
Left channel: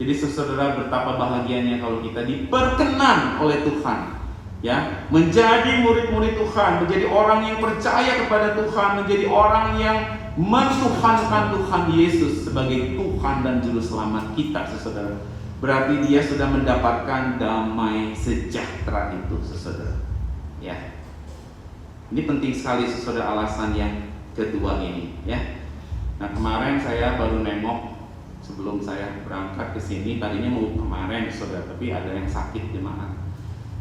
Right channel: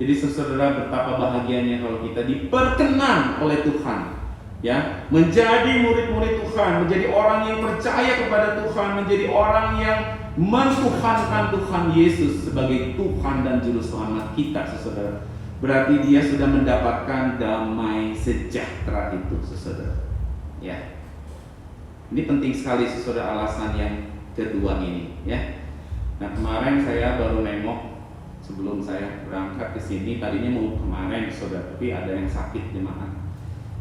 Jadi saudara, betapa bahagianya kalau kita diperkenan oleh Tuhan, ya, menjadi murid-murid Tuhan, menjadi orang yang percaya kepada Tuhan, menjadi orang yang mentuhankan Tuhan Yesus sebagai Tuhan dan Juru Selamat kita, saudara. Berarti dia sudah mendapatkan damai sejahtera itu, saudara. Ya, ini penting sekali, saudara, alasan yang kedua ini. Ya, nah kemarin saya baru nengok sebelum saya berangkat ke sini. Tadinya mau kemarin, saudara, tapi ada yang sakit jemaat.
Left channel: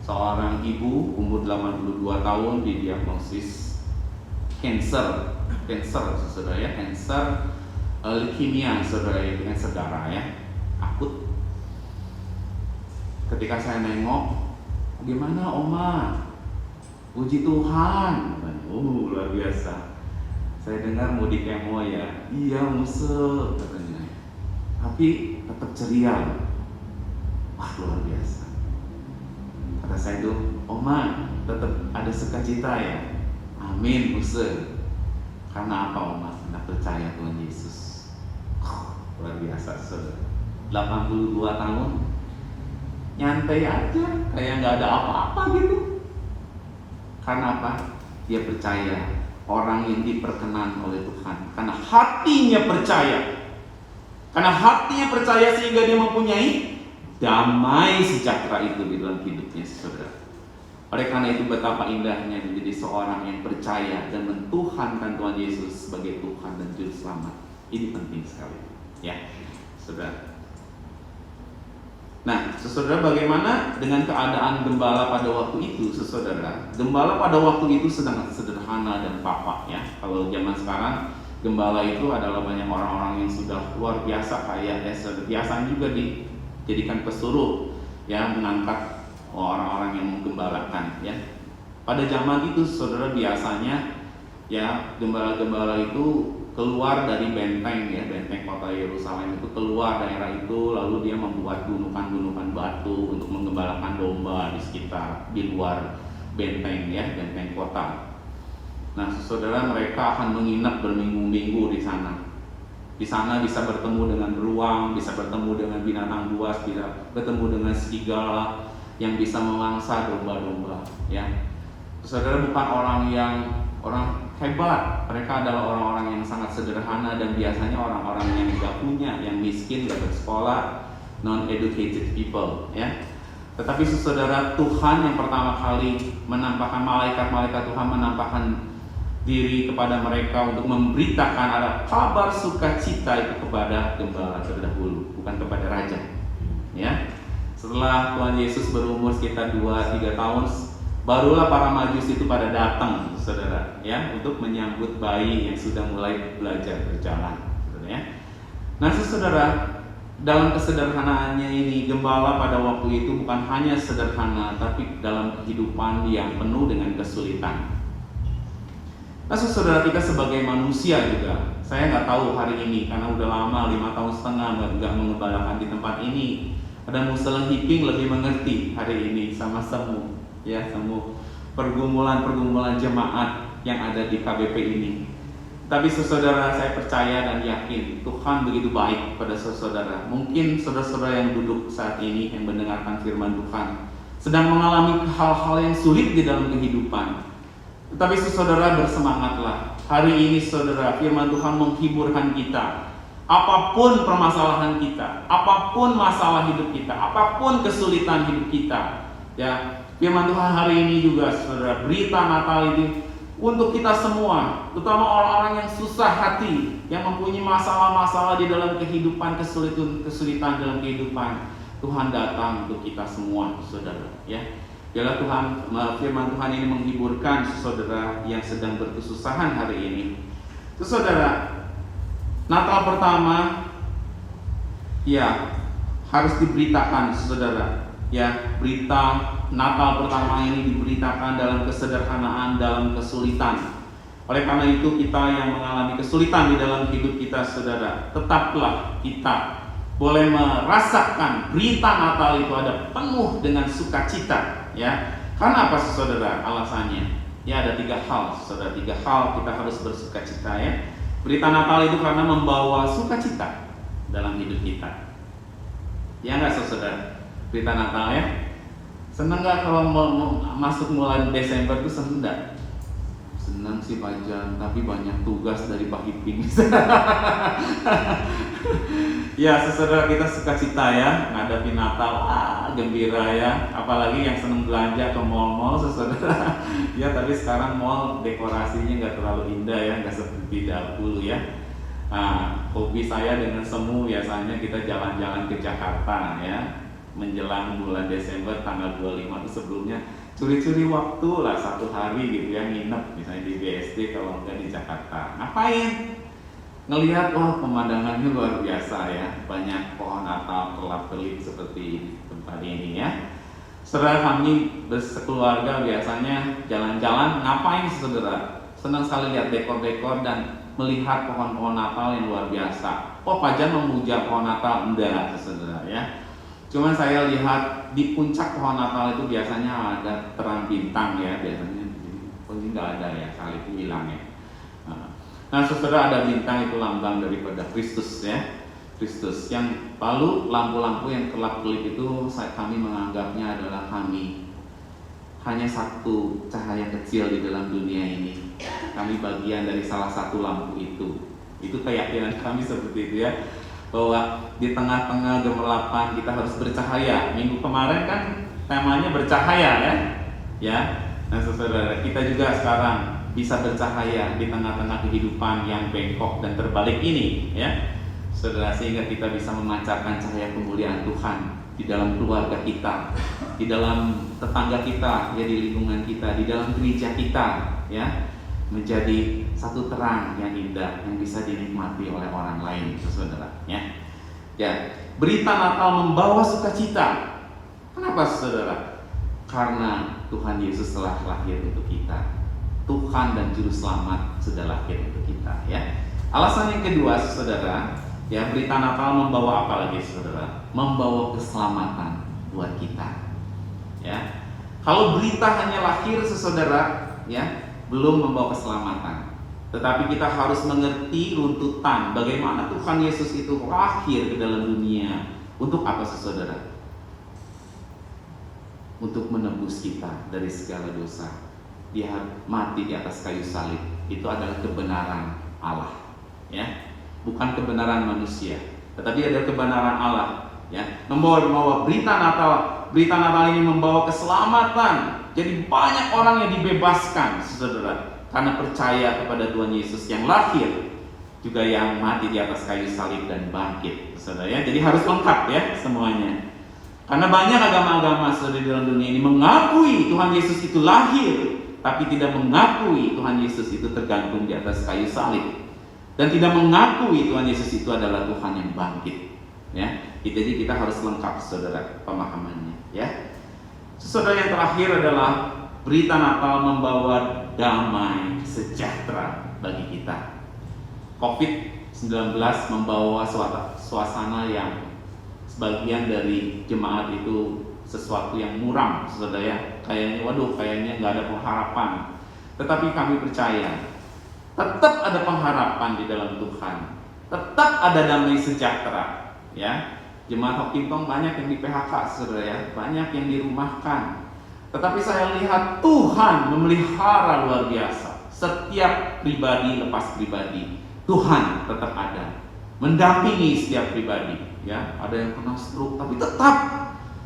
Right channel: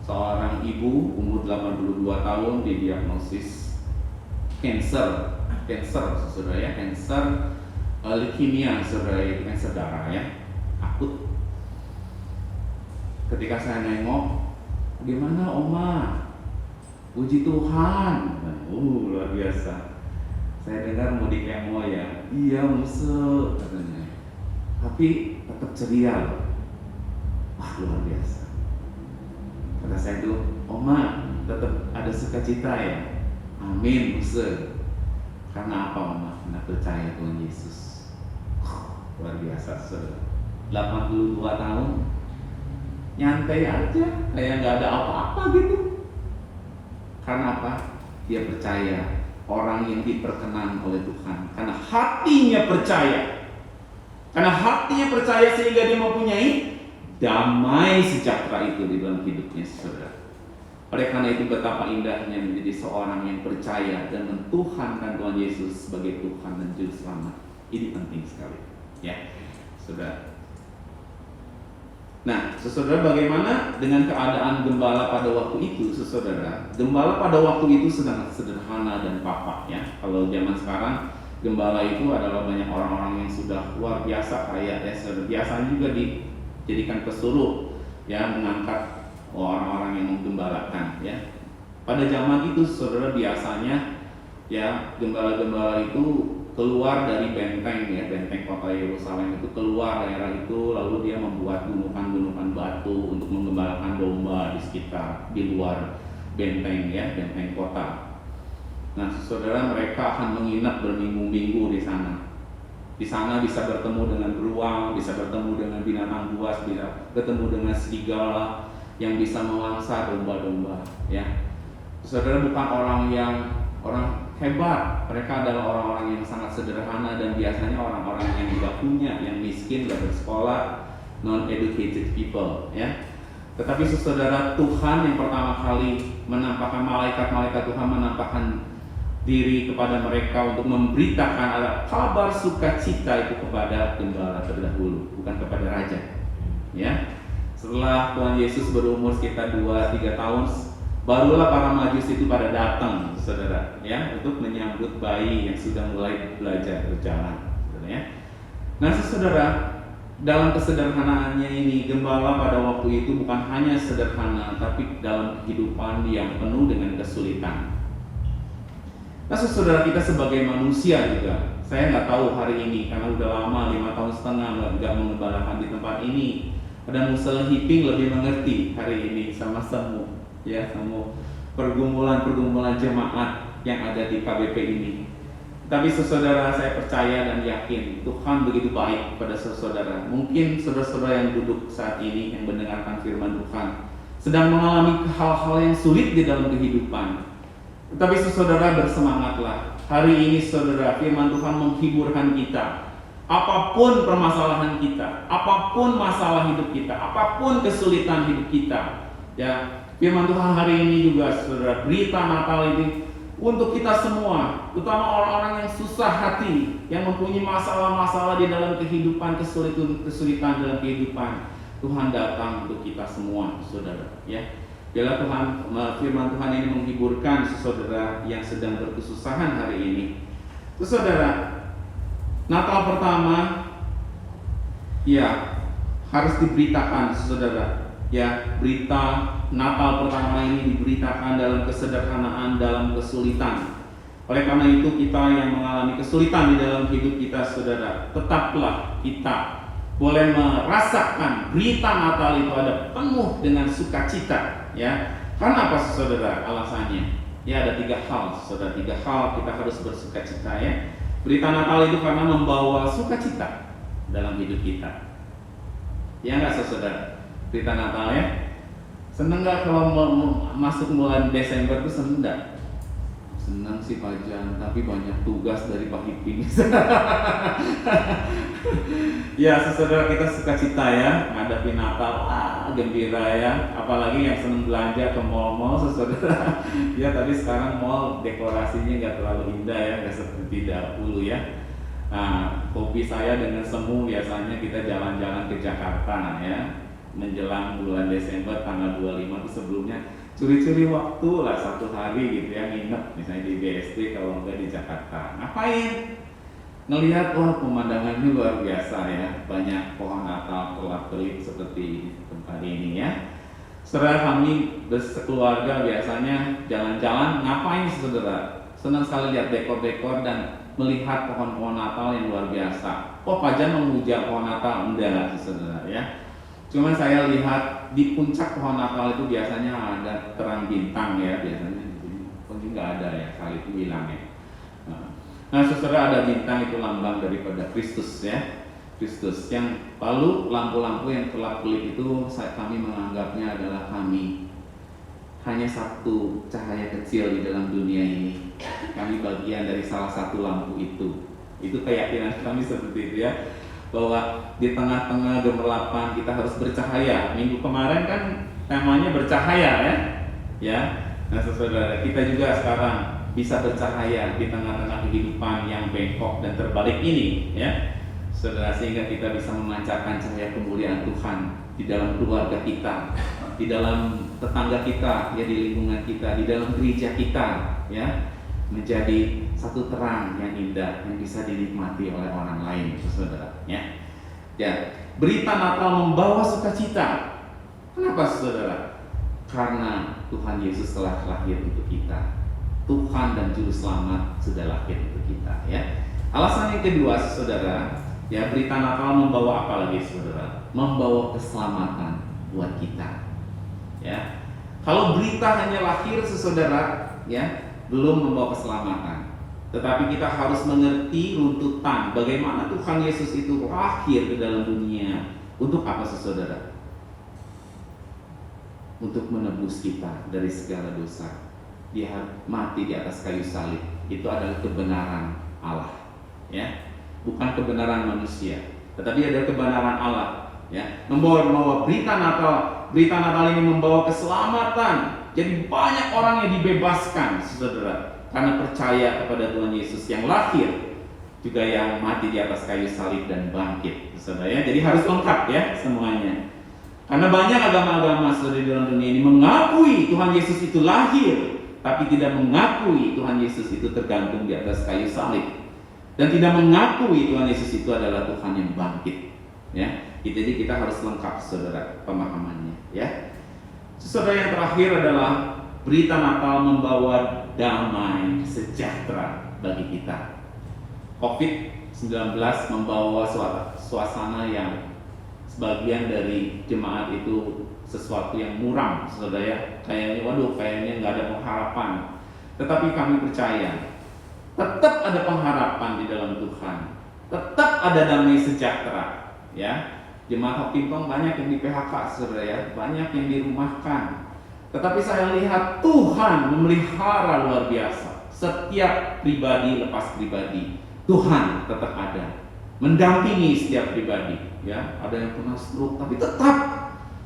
Seorang ibu umur 82 tahun didiagnosis cancer, saudara ya, cancer leukemia, saudara, itu cancer darah ya, akut. Ketika saya nengok, gimana oma? Puji Tuhan, luar biasa. Saya dengar mudik yang mau ya, iya musel katanya, tapi tetap ceria. Wah, luar biasa. Kata saya tuh, oma tetap ada sukacita ya. Amin, musel. Karena apa, oma? Karena percaya Tuhan Yesus. Luar biasa, saudara. 82 tahun, nyantai aja, kayak nggak ada apa-apa gitu. Karena apa? Dia percaya, orang yang diperkenan oleh Tuhan. Karena hatinya percaya. Karena hatinya percaya sehingga dia mempunyai damai sejahtera itu di dalam hidupnya, saudara. Oleh karena itu betapa indahnya menjadi seorang yang percaya dan mentuhankan Tuhan Yesus sebagai Tuhan dan Juru Selamat. Ini penting sekali, ya, saudara. Nah, saudara, bagaimana dengan keadaan gembala pada waktu itu, saudara? Gembala pada waktu itu sangat sederhana dan papa, ya. Kalau zaman sekarang, gembala itu adalah banyak orang-orang yang sudah luar biasa kaya, ya. Biasanya juga dijadikan pesuruh, ya, mengangkat orang-orang yang menggembalakan, ya. Pada zaman itu, saudara, biasanya ya gembala-gembala itu keluar dari benteng, ya, benteng kota Yerusalem itu, keluar daerah itu, lalu dia membuat gunungan-gunungan batu untuk menggembalakan domba di sekitar, di luar benteng, ya, benteng kota. Nah, saudara, mereka akan menginap berminggu-minggu di sana. Di sana bisa bertemu dengan beruang, bisa bertemu dengan binatang buas, bisa bertemu dengan serigala yang bisa memangsa domba-domba, ya. Saudara, bukan orang hebat, mereka adalah orang-orang yang sangat sederhana dan biasanya orang-orang yang tidak punya, yang miskin, tidak bersekolah, non-educated people, ya. Tetapi saudara, Tuhan yang pertama kali menampakkan, malaikat Tuhan menampakkan diri kepada mereka untuk memberitakan ada kabar sukacita itu kepada gembala terdahulu, bukan kepada raja, ya. Setelah Tuhan Yesus berumur sekitar 2-3 tahun, barulah para majus itu pada datang, saudara, ya, untuk menyambut bayi yang sudah mulai belajar berjalan, saudara, ya. Nah, saudara, dalam kesederhanaannya ini, gembala pada waktu itu bukan hanya sederhana, tapi dalam kehidupan yang penuh dengan kesulitan. Nah, saudara, kita sebagai manusia juga, saya nggak tahu hari ini karena udah lama 5 tahun setengah nggak mengembalakan di tempat ini. Ada Musel Hiping lebih mengerti hari ini sama semu, ya, semu pergumulan jemaat yang ada di KBP ini. Tapi saudara, saya percaya dan yakin Tuhan begitu baik pada saudara. Mungkin saudara-saudara yang duduk saat ini yang mendengarkan firman Tuhan sedang mengalami hal-hal yang sulit di dalam kehidupan. Tetapi saudara, bersemangatlah. Hari ini saudara, firman Tuhan menghiburkan kita. Apapun permasalahan kita, apapun masalah hidup kita, apapun kesulitan hidup kita, ya, firman Tuhan hari ini juga saudara, berita Natal ini untuk kita semua, terutama orang-orang yang susah hati, yang mempunyai masalah-masalah di dalam kehidupan, kesulitan dalam kehidupan. Tuhan datang untuk kita semua, saudara, ya. Bila Tuhan, firman Tuhan ini menghiburkan saudara yang sedang berkesusahan hari ini. Saudara, Natal pertama, ya, harus diberitakan, saudara. Ya, berita Natal pertama ini diberitakan dalam kesederhanaan, dalam kesulitan. Oleh karena itu, kita yang mengalami kesulitan di dalam hidup kita, saudara, tetaplah kita boleh merasakan berita Natal itu ada penuh dengan sukacita, ya. Karena apa, saudara? Alasannya, ya, ada 3 hal, saudara. 3 hal kita harus bersukacita, ya. Berita Natal itu karena membawa sukacita dalam hidup kita. Ya nggak, saudara? Berita Natal, ya. Senang nggak kalau masuk bulan Desember itu? Senang nggak? Senang sih Pak Jan, tapi banyak tugas dari Pak Iping. Ya, saudara, kita sukacita, ya, menghadapi Natal, gembira, ya. Apalagi yang senang belanja ke mall-mall, saudara. Ya, tapi sekarang mall dekorasinya nggak terlalu indah, ya, nggak seperti dahulu, ya. Hobi saya dengan semu biasanya kita jalan-jalan ke Jakarta, ya. Menjelang bulan Desember tanggal 25 itu sebelumnya curi-curi waktu lah 1 hari gitu, ya, nginep misalnya di BSD kalau enggak di Jakarta. Ngapain? Ngelihat, pemandangannya luar biasa, ya, banyak pohon Natal kelap-kelip seperti tempat ini, ya. Setelah kami bersekeluarga biasanya jalan-jalan, ngapain, saudara? Senang sekali lihat dekor-dekor dan melihat pohon-pohon Natal yang luar biasa. Pak Jan memuja pohon Natal? Enggak, saudara, ya. Cuman saya lihat di puncak pohon Natal itu biasanya ada terang bintang, ya, biasanya. Ini nggak ada, ya, kali itu hilang, ya. Nah, saudara, ada bintang itu lambang daripada Kristus, ya. Kristus. Yang lalu lampu-lampu yang kelap-kelip itu kami menganggapnya adalah kami. Hanya satu cahaya kecil di dalam dunia ini. Kami bagian dari salah satu lampu itu. Itu keyakinan kami seperti itu, ya. Bahwa di tengah-tengah gemerlapan kita harus bercahaya. Minggu kemarin kan temanya bercahaya, ya. Ya. Nah, saudara, kita juga sekarang bisa bercahaya di tengah-tengah kehidupan yang bengkok dan terbalik ini, ya, saudara, sehingga kita bisa memancarkan cahaya kemuliaan Tuhan di dalam keluarga kita, di dalam tetangga kita, ya, di lingkungan kita, di dalam gereja kita, ya, menjadi satu terang yang indah yang bisa dinikmati oleh orang lain, saudara, ya. Ya, berita Natal membawa sukacita. Kenapa, saudara? Karena Tuhan Yesus telah lahir untuk kita. Tuhan dan Juru Selamat sudah lahir untuk kita, ya. Alasan yang kedua, saudara, ya, berita Natal membawa apa lagi, saudara? Membawa keselamatan buat kita, ya. Kalau berita hanya lahir, saudara, ya, belum membawa keselamatan. Tetapi kita harus mengerti runtutan bagaimana Tuhan Yesus itu lahir ke dalam dunia. Untuk apa, saudara? Untuk menebus kita dari segala dosa. Dia mati di atas kayu salib. Itu adalah kebenaran Allah, ya, bukan kebenaran manusia, tetapi adalah kebenaran Allah, ya. Membawa berita Natal. Berita Natal ini membawa keselamatan. Jadi banyak orang yang dibebaskan, saudara, karena percaya kepada Tuhan Yesus yang lahir, juga yang mati di atas kayu salib dan bangkit, saudara, ya. Jadi harus lengkap, ya, semuanya. Karena banyak agama-agama, saudara, di dalam dunia ini mengakui Tuhan Yesus itu lahir, tapi tidak mengakui Tuhan Yesus itu tergantung di atas kayu salib, dan tidak mengakui Tuhan Yesus itu adalah Tuhan yang bangkit. Ya, jadi kita harus lengkap saudara pemahamannya. Ya, saudara, yang terakhir adalah berita Natal membawa damai sejahtera bagi kita. COVID-19 membawa suasana yang sebagian dari jemaat itu sesuatu yang muram, saudara ya. Kayaknya nggak ada pengharapan. Tetapi kami percaya tetap ada pengharapan di dalam Tuhan. Tetap ada damai sejahtera, ya. Jemaat Hokintong banyak yang di PHK, saudara ya, banyak yang dirumahkan. Tetapi saya lihat Tuhan memelihara luar biasa. Setiap pribadi lepas pribadi, Tuhan tetap ada, mendampingi setiap pribadi. Ya, ada yang kena stroke, tapi tetap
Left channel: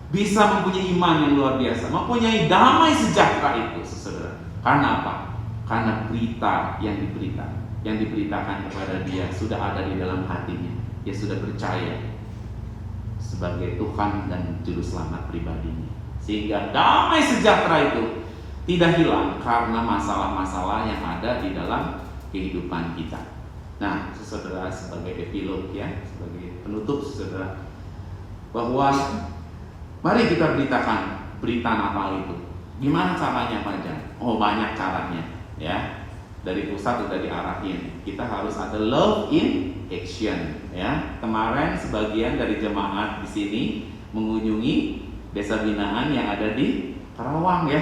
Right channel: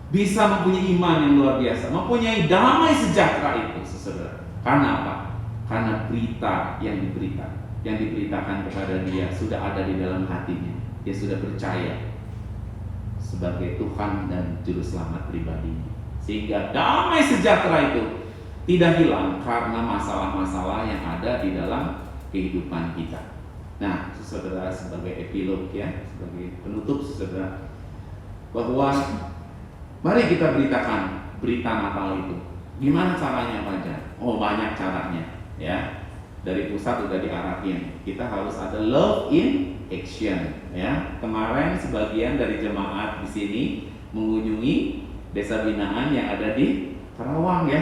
bisa mempunyai iman yang luar biasa, mempunyai damai sejahtera itu, saudara. Karena apa? Karena berita yang diberitakan kepada dia sudah ada di dalam hatinya. Dia sudah percaya sebagai Tuhan dan Juru Selamat pribadinya. Sehingga damai sejahtera itu tidak hilang karena masalah-masalah yang ada di dalam kehidupan kita. Nah, saudara, sebagai epilog ya, sebagai penutup saudara, bahwa mari kita beritakan berita Natal itu. Gimana caranya, Pak Jan? Oh, banyak caranya ya. Dari pusat sudah diarahin. Kita harus ada love in action ya. Kemarin sebagian dari jemaat di sini mengunjungi desa binaan yang ada di Karawang ya.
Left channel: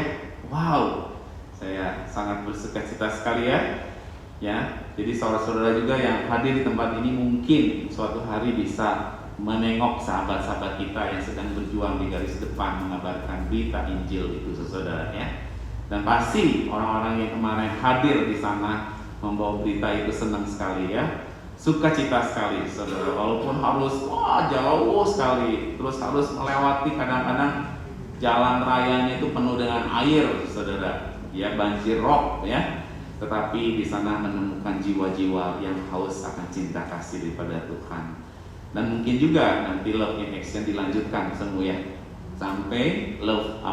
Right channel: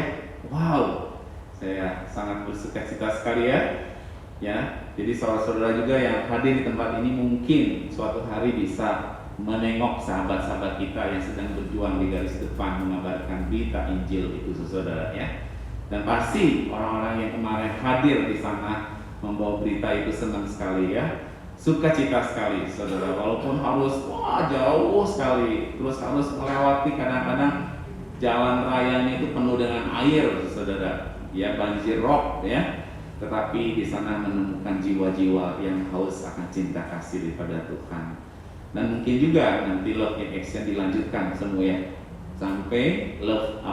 Wow, saya sangat bersukacita sekali ya. Ya, jadi saudara-saudara juga yang hadir di tempat ini mungkin suatu hari bisa menengok sahabat-sahabat kita yang sedang berjuang di garis depan mengabarkan berita Injil itu, saudara ya. Dan pasti orang-orang yang kemarin hadir di sana membawa berita itu senang sekali ya. Sukacita sekali, saudara, walaupun harus jauh sekali, terus harus melewati kadang-kadang jalan rayanya itu penuh dengan air, saudara, ya, banjir rob ya. Tetapi di sana menemukan jiwa-jiwa yang haus akan cinta kasih daripada Tuhan. Dan mungkin juga nanti love in action dilanjutkan semua ya, sampai love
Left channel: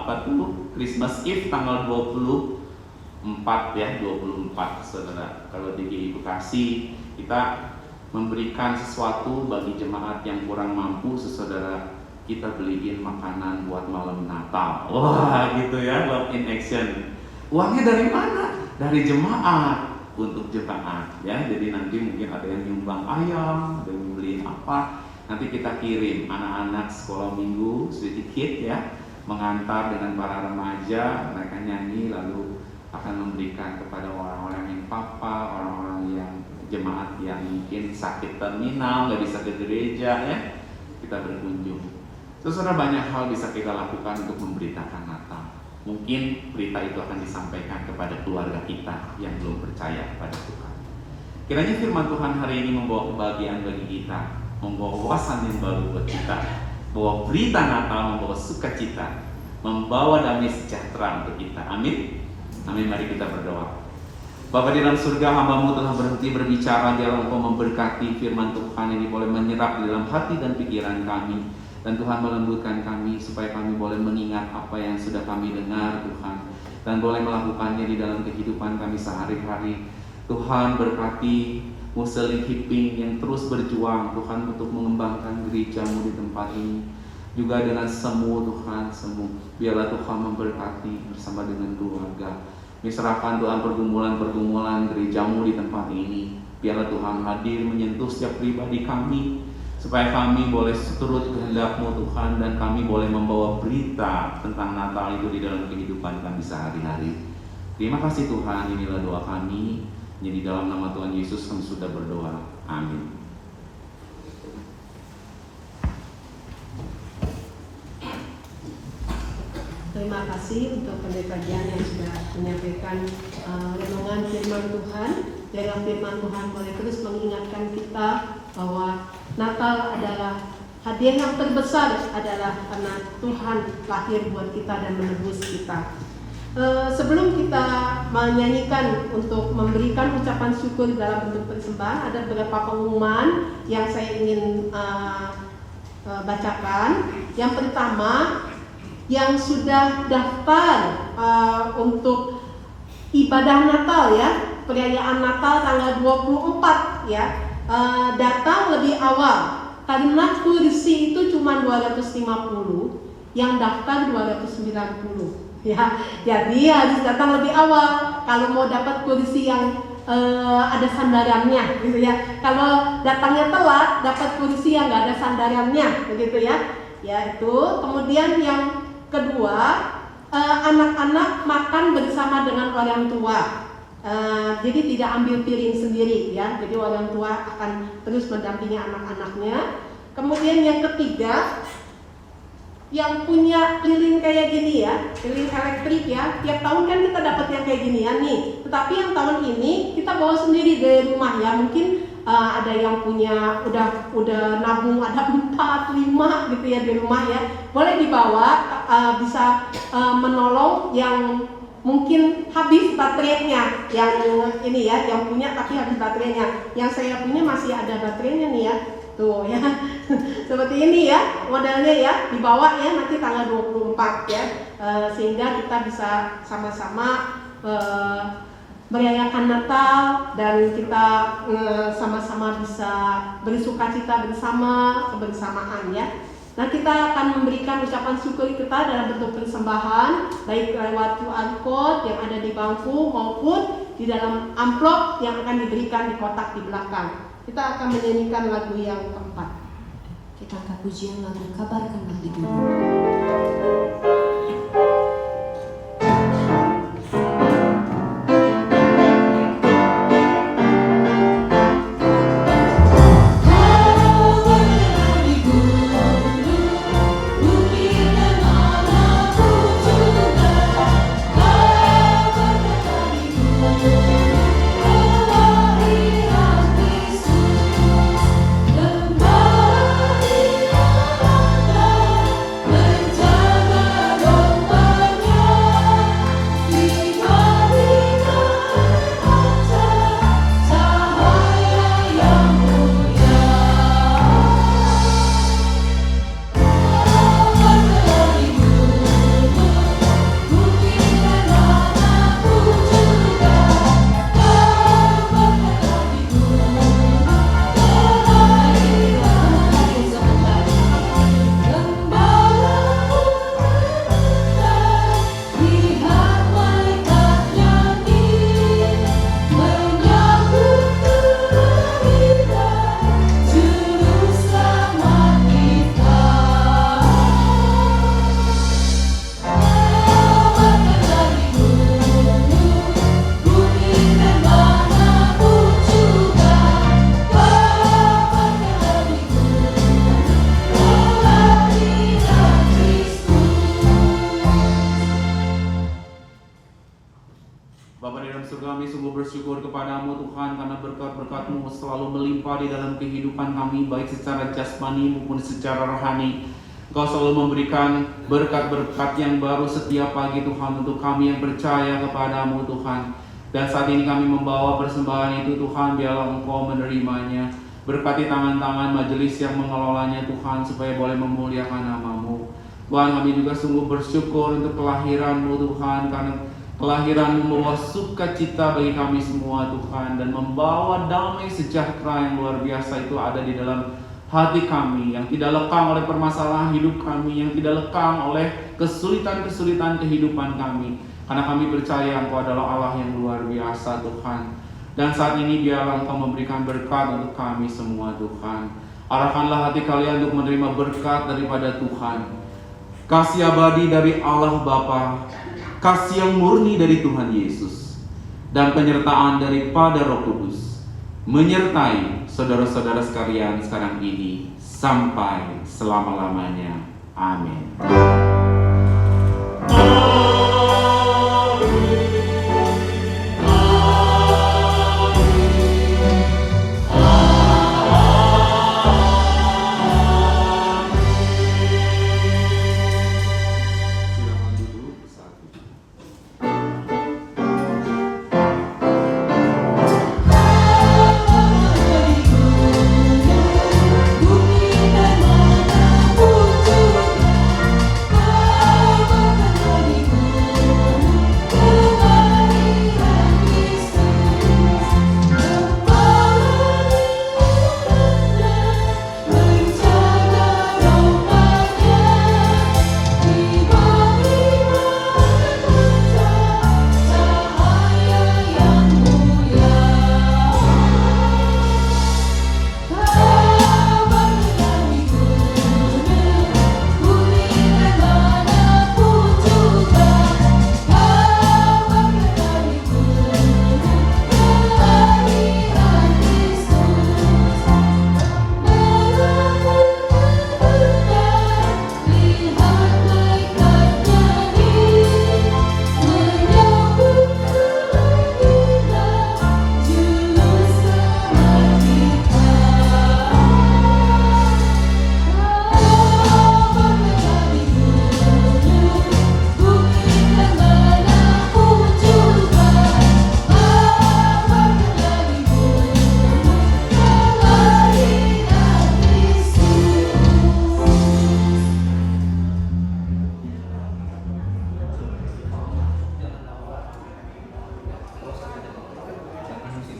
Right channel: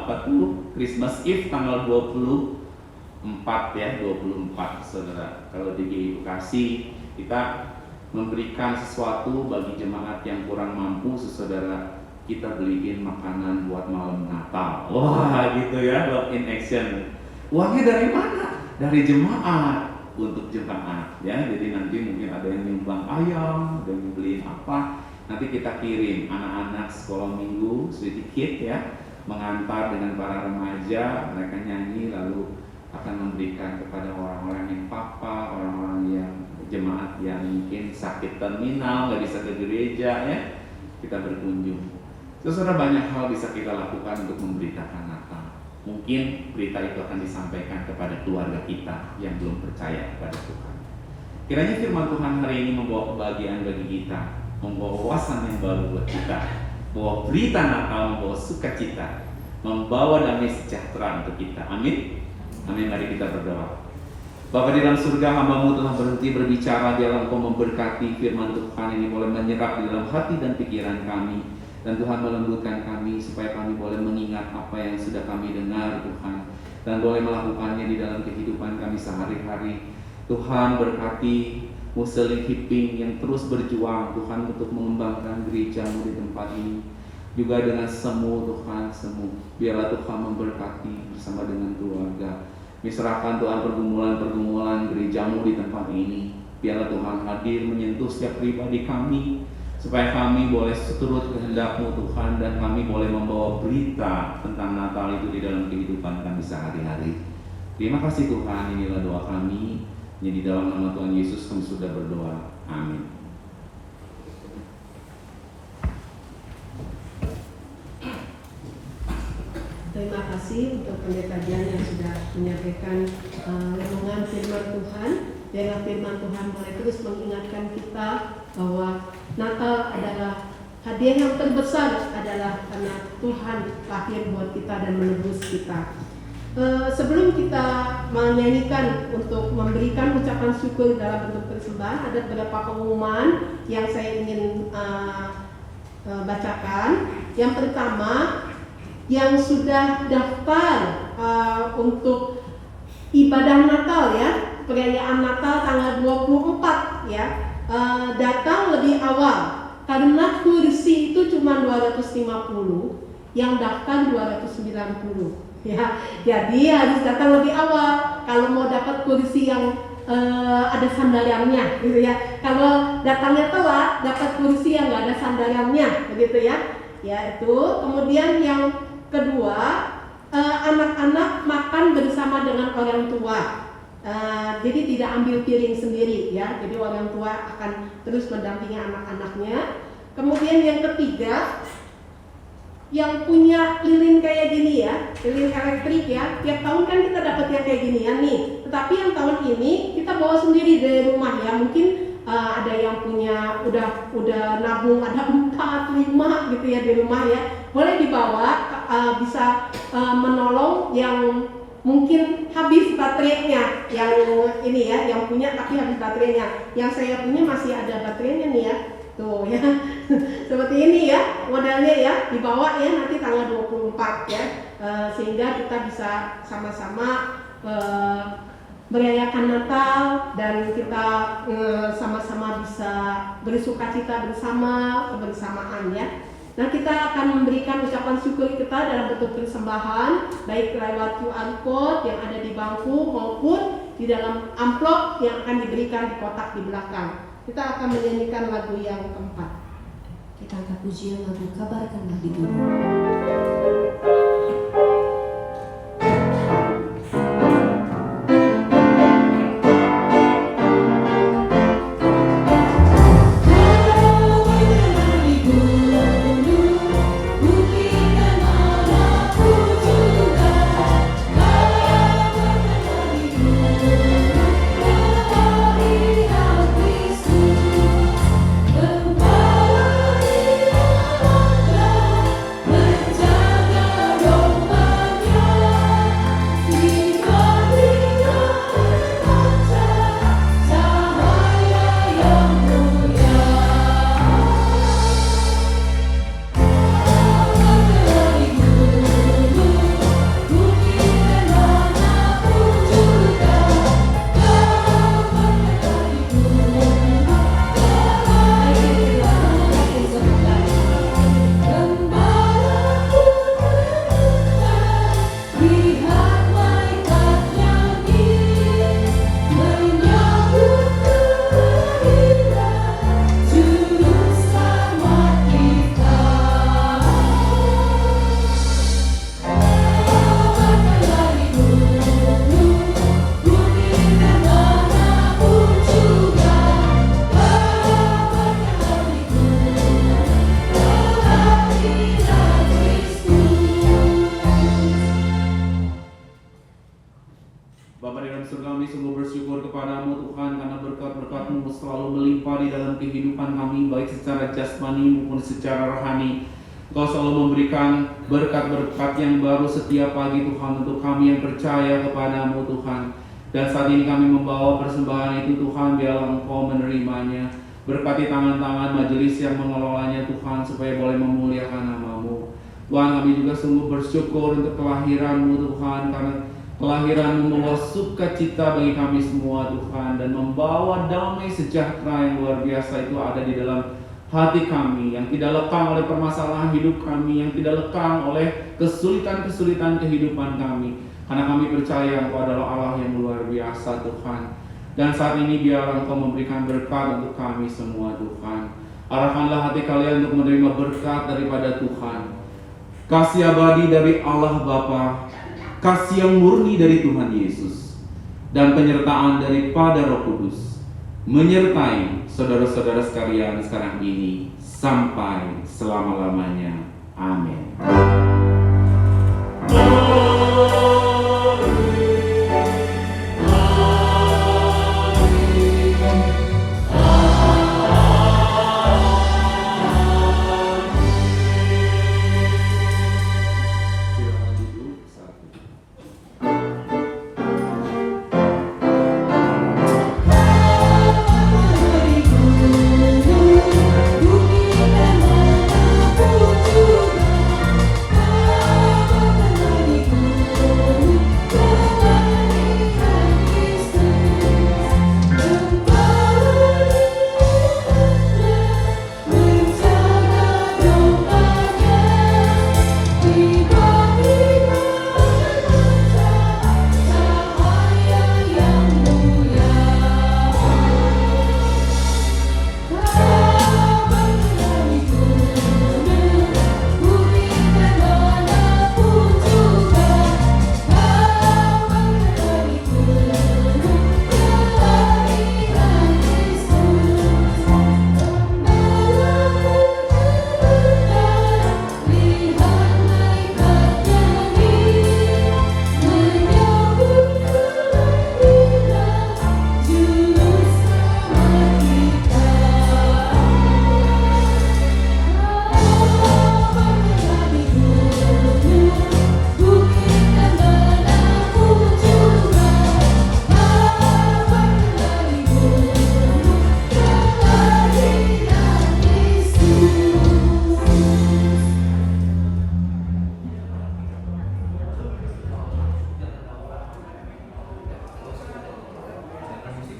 Christmas Eve tanggal 24 ya, 24 saudara. Kalau di Bekasi kita memberikan sesuatu bagi jemaat yang kurang mampu, saudara, kita beliin makanan buat malam Natal. Wah, gitu ya, love in action. Uangnya dari mana? Dari jemaat, untuk jemaat ya. Jadi nanti mungkin ada yang nyumbang ayam, ada yang beliin apa, nanti kita kirim anak-anak sekolah minggu sedikit ya, mengantar dengan para remaja, mereka nyanyi lalu akan memberikan kepada orang-orang yang papa, orang-orang yang jemaat yang mungkin sakit terminal, nggak bisa ke gereja ya, kita berkunjung. Saudara, banyak hal bisa kita lakukan untuk memberitakan Natal. Mungkin berita itu akan disampaikan kepada keluarga kita yang belum percaya kepada Tuhan. Kiranya firman Tuhan hari ini membawa kebahagiaan bagi kita, membawa wawasan yang baru buat kita, bahwa berita Natal membawa sukacita, membawa damai sejahtera untuk kita. Amin. Amin. Mari kita berdoa. Bapa di dalam surga, hamba-Mu telah berhenti berbicara, dialah Engkau memberkati firman Tuhan ini boleh menyerap di dalam hati dan pikiran kami. Dan Tuhan melembutkan kami supaya kami boleh mengingat apa yang sudah kami dengar, Tuhan, dan boleh melakukannya di dalam kehidupan kami sehari-hari. Tuhan berkati Muslim Hiping yang terus berjuang, Tuhan, untuk mengembangkan gereja-Mu di tempat ini. Juga dengan semua, Tuhan, semua. Biarlah Tuhan memberkati bersama dengan keluarga. Diserahkan Tuhan pergumulan-pergumulan gereja-Mu di tempat ini. Biarlah Tuhan hadir menyentuh setiap pribadi kami, supaya kami boleh seturut kehendak-Mu, Tuhan, dan kami boleh membawa berita tentang Natal itu di dalam kehidupan kami sehari-hari. Terima kasih Tuhan, inilah doa kami. Di dalam nama Tuhan Yesus kami sudah berdoa. Amin. Terima kasih untuk pendeta Dian yang sudah menyampaikan renungan firman Tuhan. Biarlah firman Tuhan boleh terus mengingatkan kita bahwa Natal adalah hadiah yang terbesar, adalah karena Tuhan lahir buat kita dan menebus kita. Sebelum kita menyanyikan untuk memberikan ucapan syukur dalam bentuk persembahan, ada beberapa pengumuman yang saya ingin bacakan. Yang pertama, yang sudah daftar untuk ibadah Natal ya, perayaan Natal tanggal 24 ya, datang lebih awal karena kursi itu cuma 250, yang daftar 290 ya. Jadi harus datang lebih awal kalau mau dapat kursi yang ada sandarannya gitu ya. Kalau datangnya telat dapat kursi yang nggak ada sandarannya begitu ya. Ya itu. Kemudian yang kedua, anak-anak makan bersama dengan orang tua. Jadi tidak ambil piring sendiri ya. Jadi orang tua akan terus mendampingi anak-anaknya. Kemudian yang ketiga, yang punya lilin kayak gini ya, lilin elektrik ya, tiap tahun kan kita dapat yang kayak gini ya nih. Tetapi yang tahun ini kita bawa sendiri dari rumah ya. Mungkin ada yang punya udah nabung ada 4, 5 gitu ya di rumah ya. Boleh dibawa, bisa menolong yang mungkin habis baterainya, yang ini ya, yang punya tapi habis baterainya. Yang saya punya masih ada baterainya nih ya. Tuh ya. Seperti ini ya modelnya ya, dibawa ya nanti tanggal 24 ya. Sehingga kita bisa sama-sama merayakan Natal dan kita sama-sama bisa bersukacita bersama, kebersamaan ya. Nah, kita akan memberikan ucapan syukur kita dalam bentuk persembahan, baik lewat QR code yang ada di bangku maupun di dalam amplop yang akan diberikan di kotak di belakang. Kita akan menyanyikan lagu yang keempat. Kita angkat pujian lagu Kabarkanlah di Gunung. Kami sungguh bersyukur kepadamu Tuhan karena berkat-berkat-Mu selalu melimpah di dalam kehidupan kami, baik secara jasmani maupun secara rohani. Engkau selalu memberikan berkat-berkat yang baru setiap pagi Tuhan untuk kami yang percaya kepadamu Tuhan. Dan saat ini kami membawa persembahan itu Tuhan, biarlah Engkau menerimanya. Berkati tangan-tangan majelis yang mengelolanya Tuhan supaya boleh memuliakan nama-Mu. Tuhan, kami juga sungguh bersyukur untuk kelahiran-Mu Tuhan, karena kelahiran membawa sukacita bagi kami semua Tuhan, dan membawa damai sejahtera yang luar biasa itu ada di dalam hati kami, yang tidak lekang oleh permasalahan hidup kami, yang tidak lekang oleh kesulitan-kesulitan kehidupan kami, karena kami percaya Engkau adalah Allah yang luar biasa Tuhan. Dan saat ini biarlah Engkau memberikan berkat untuk kami semua Tuhan. Arahkanlah hati kalian untuk menerima berkat daripada Tuhan. Kasih abadi dari Allah Bapa, kasih yang murni dari Tuhan Yesus, dan penyertaan daripada Roh Kudus menyertai saudara-saudara sekalian sekarang ini sampai selama-lamanya. Amin.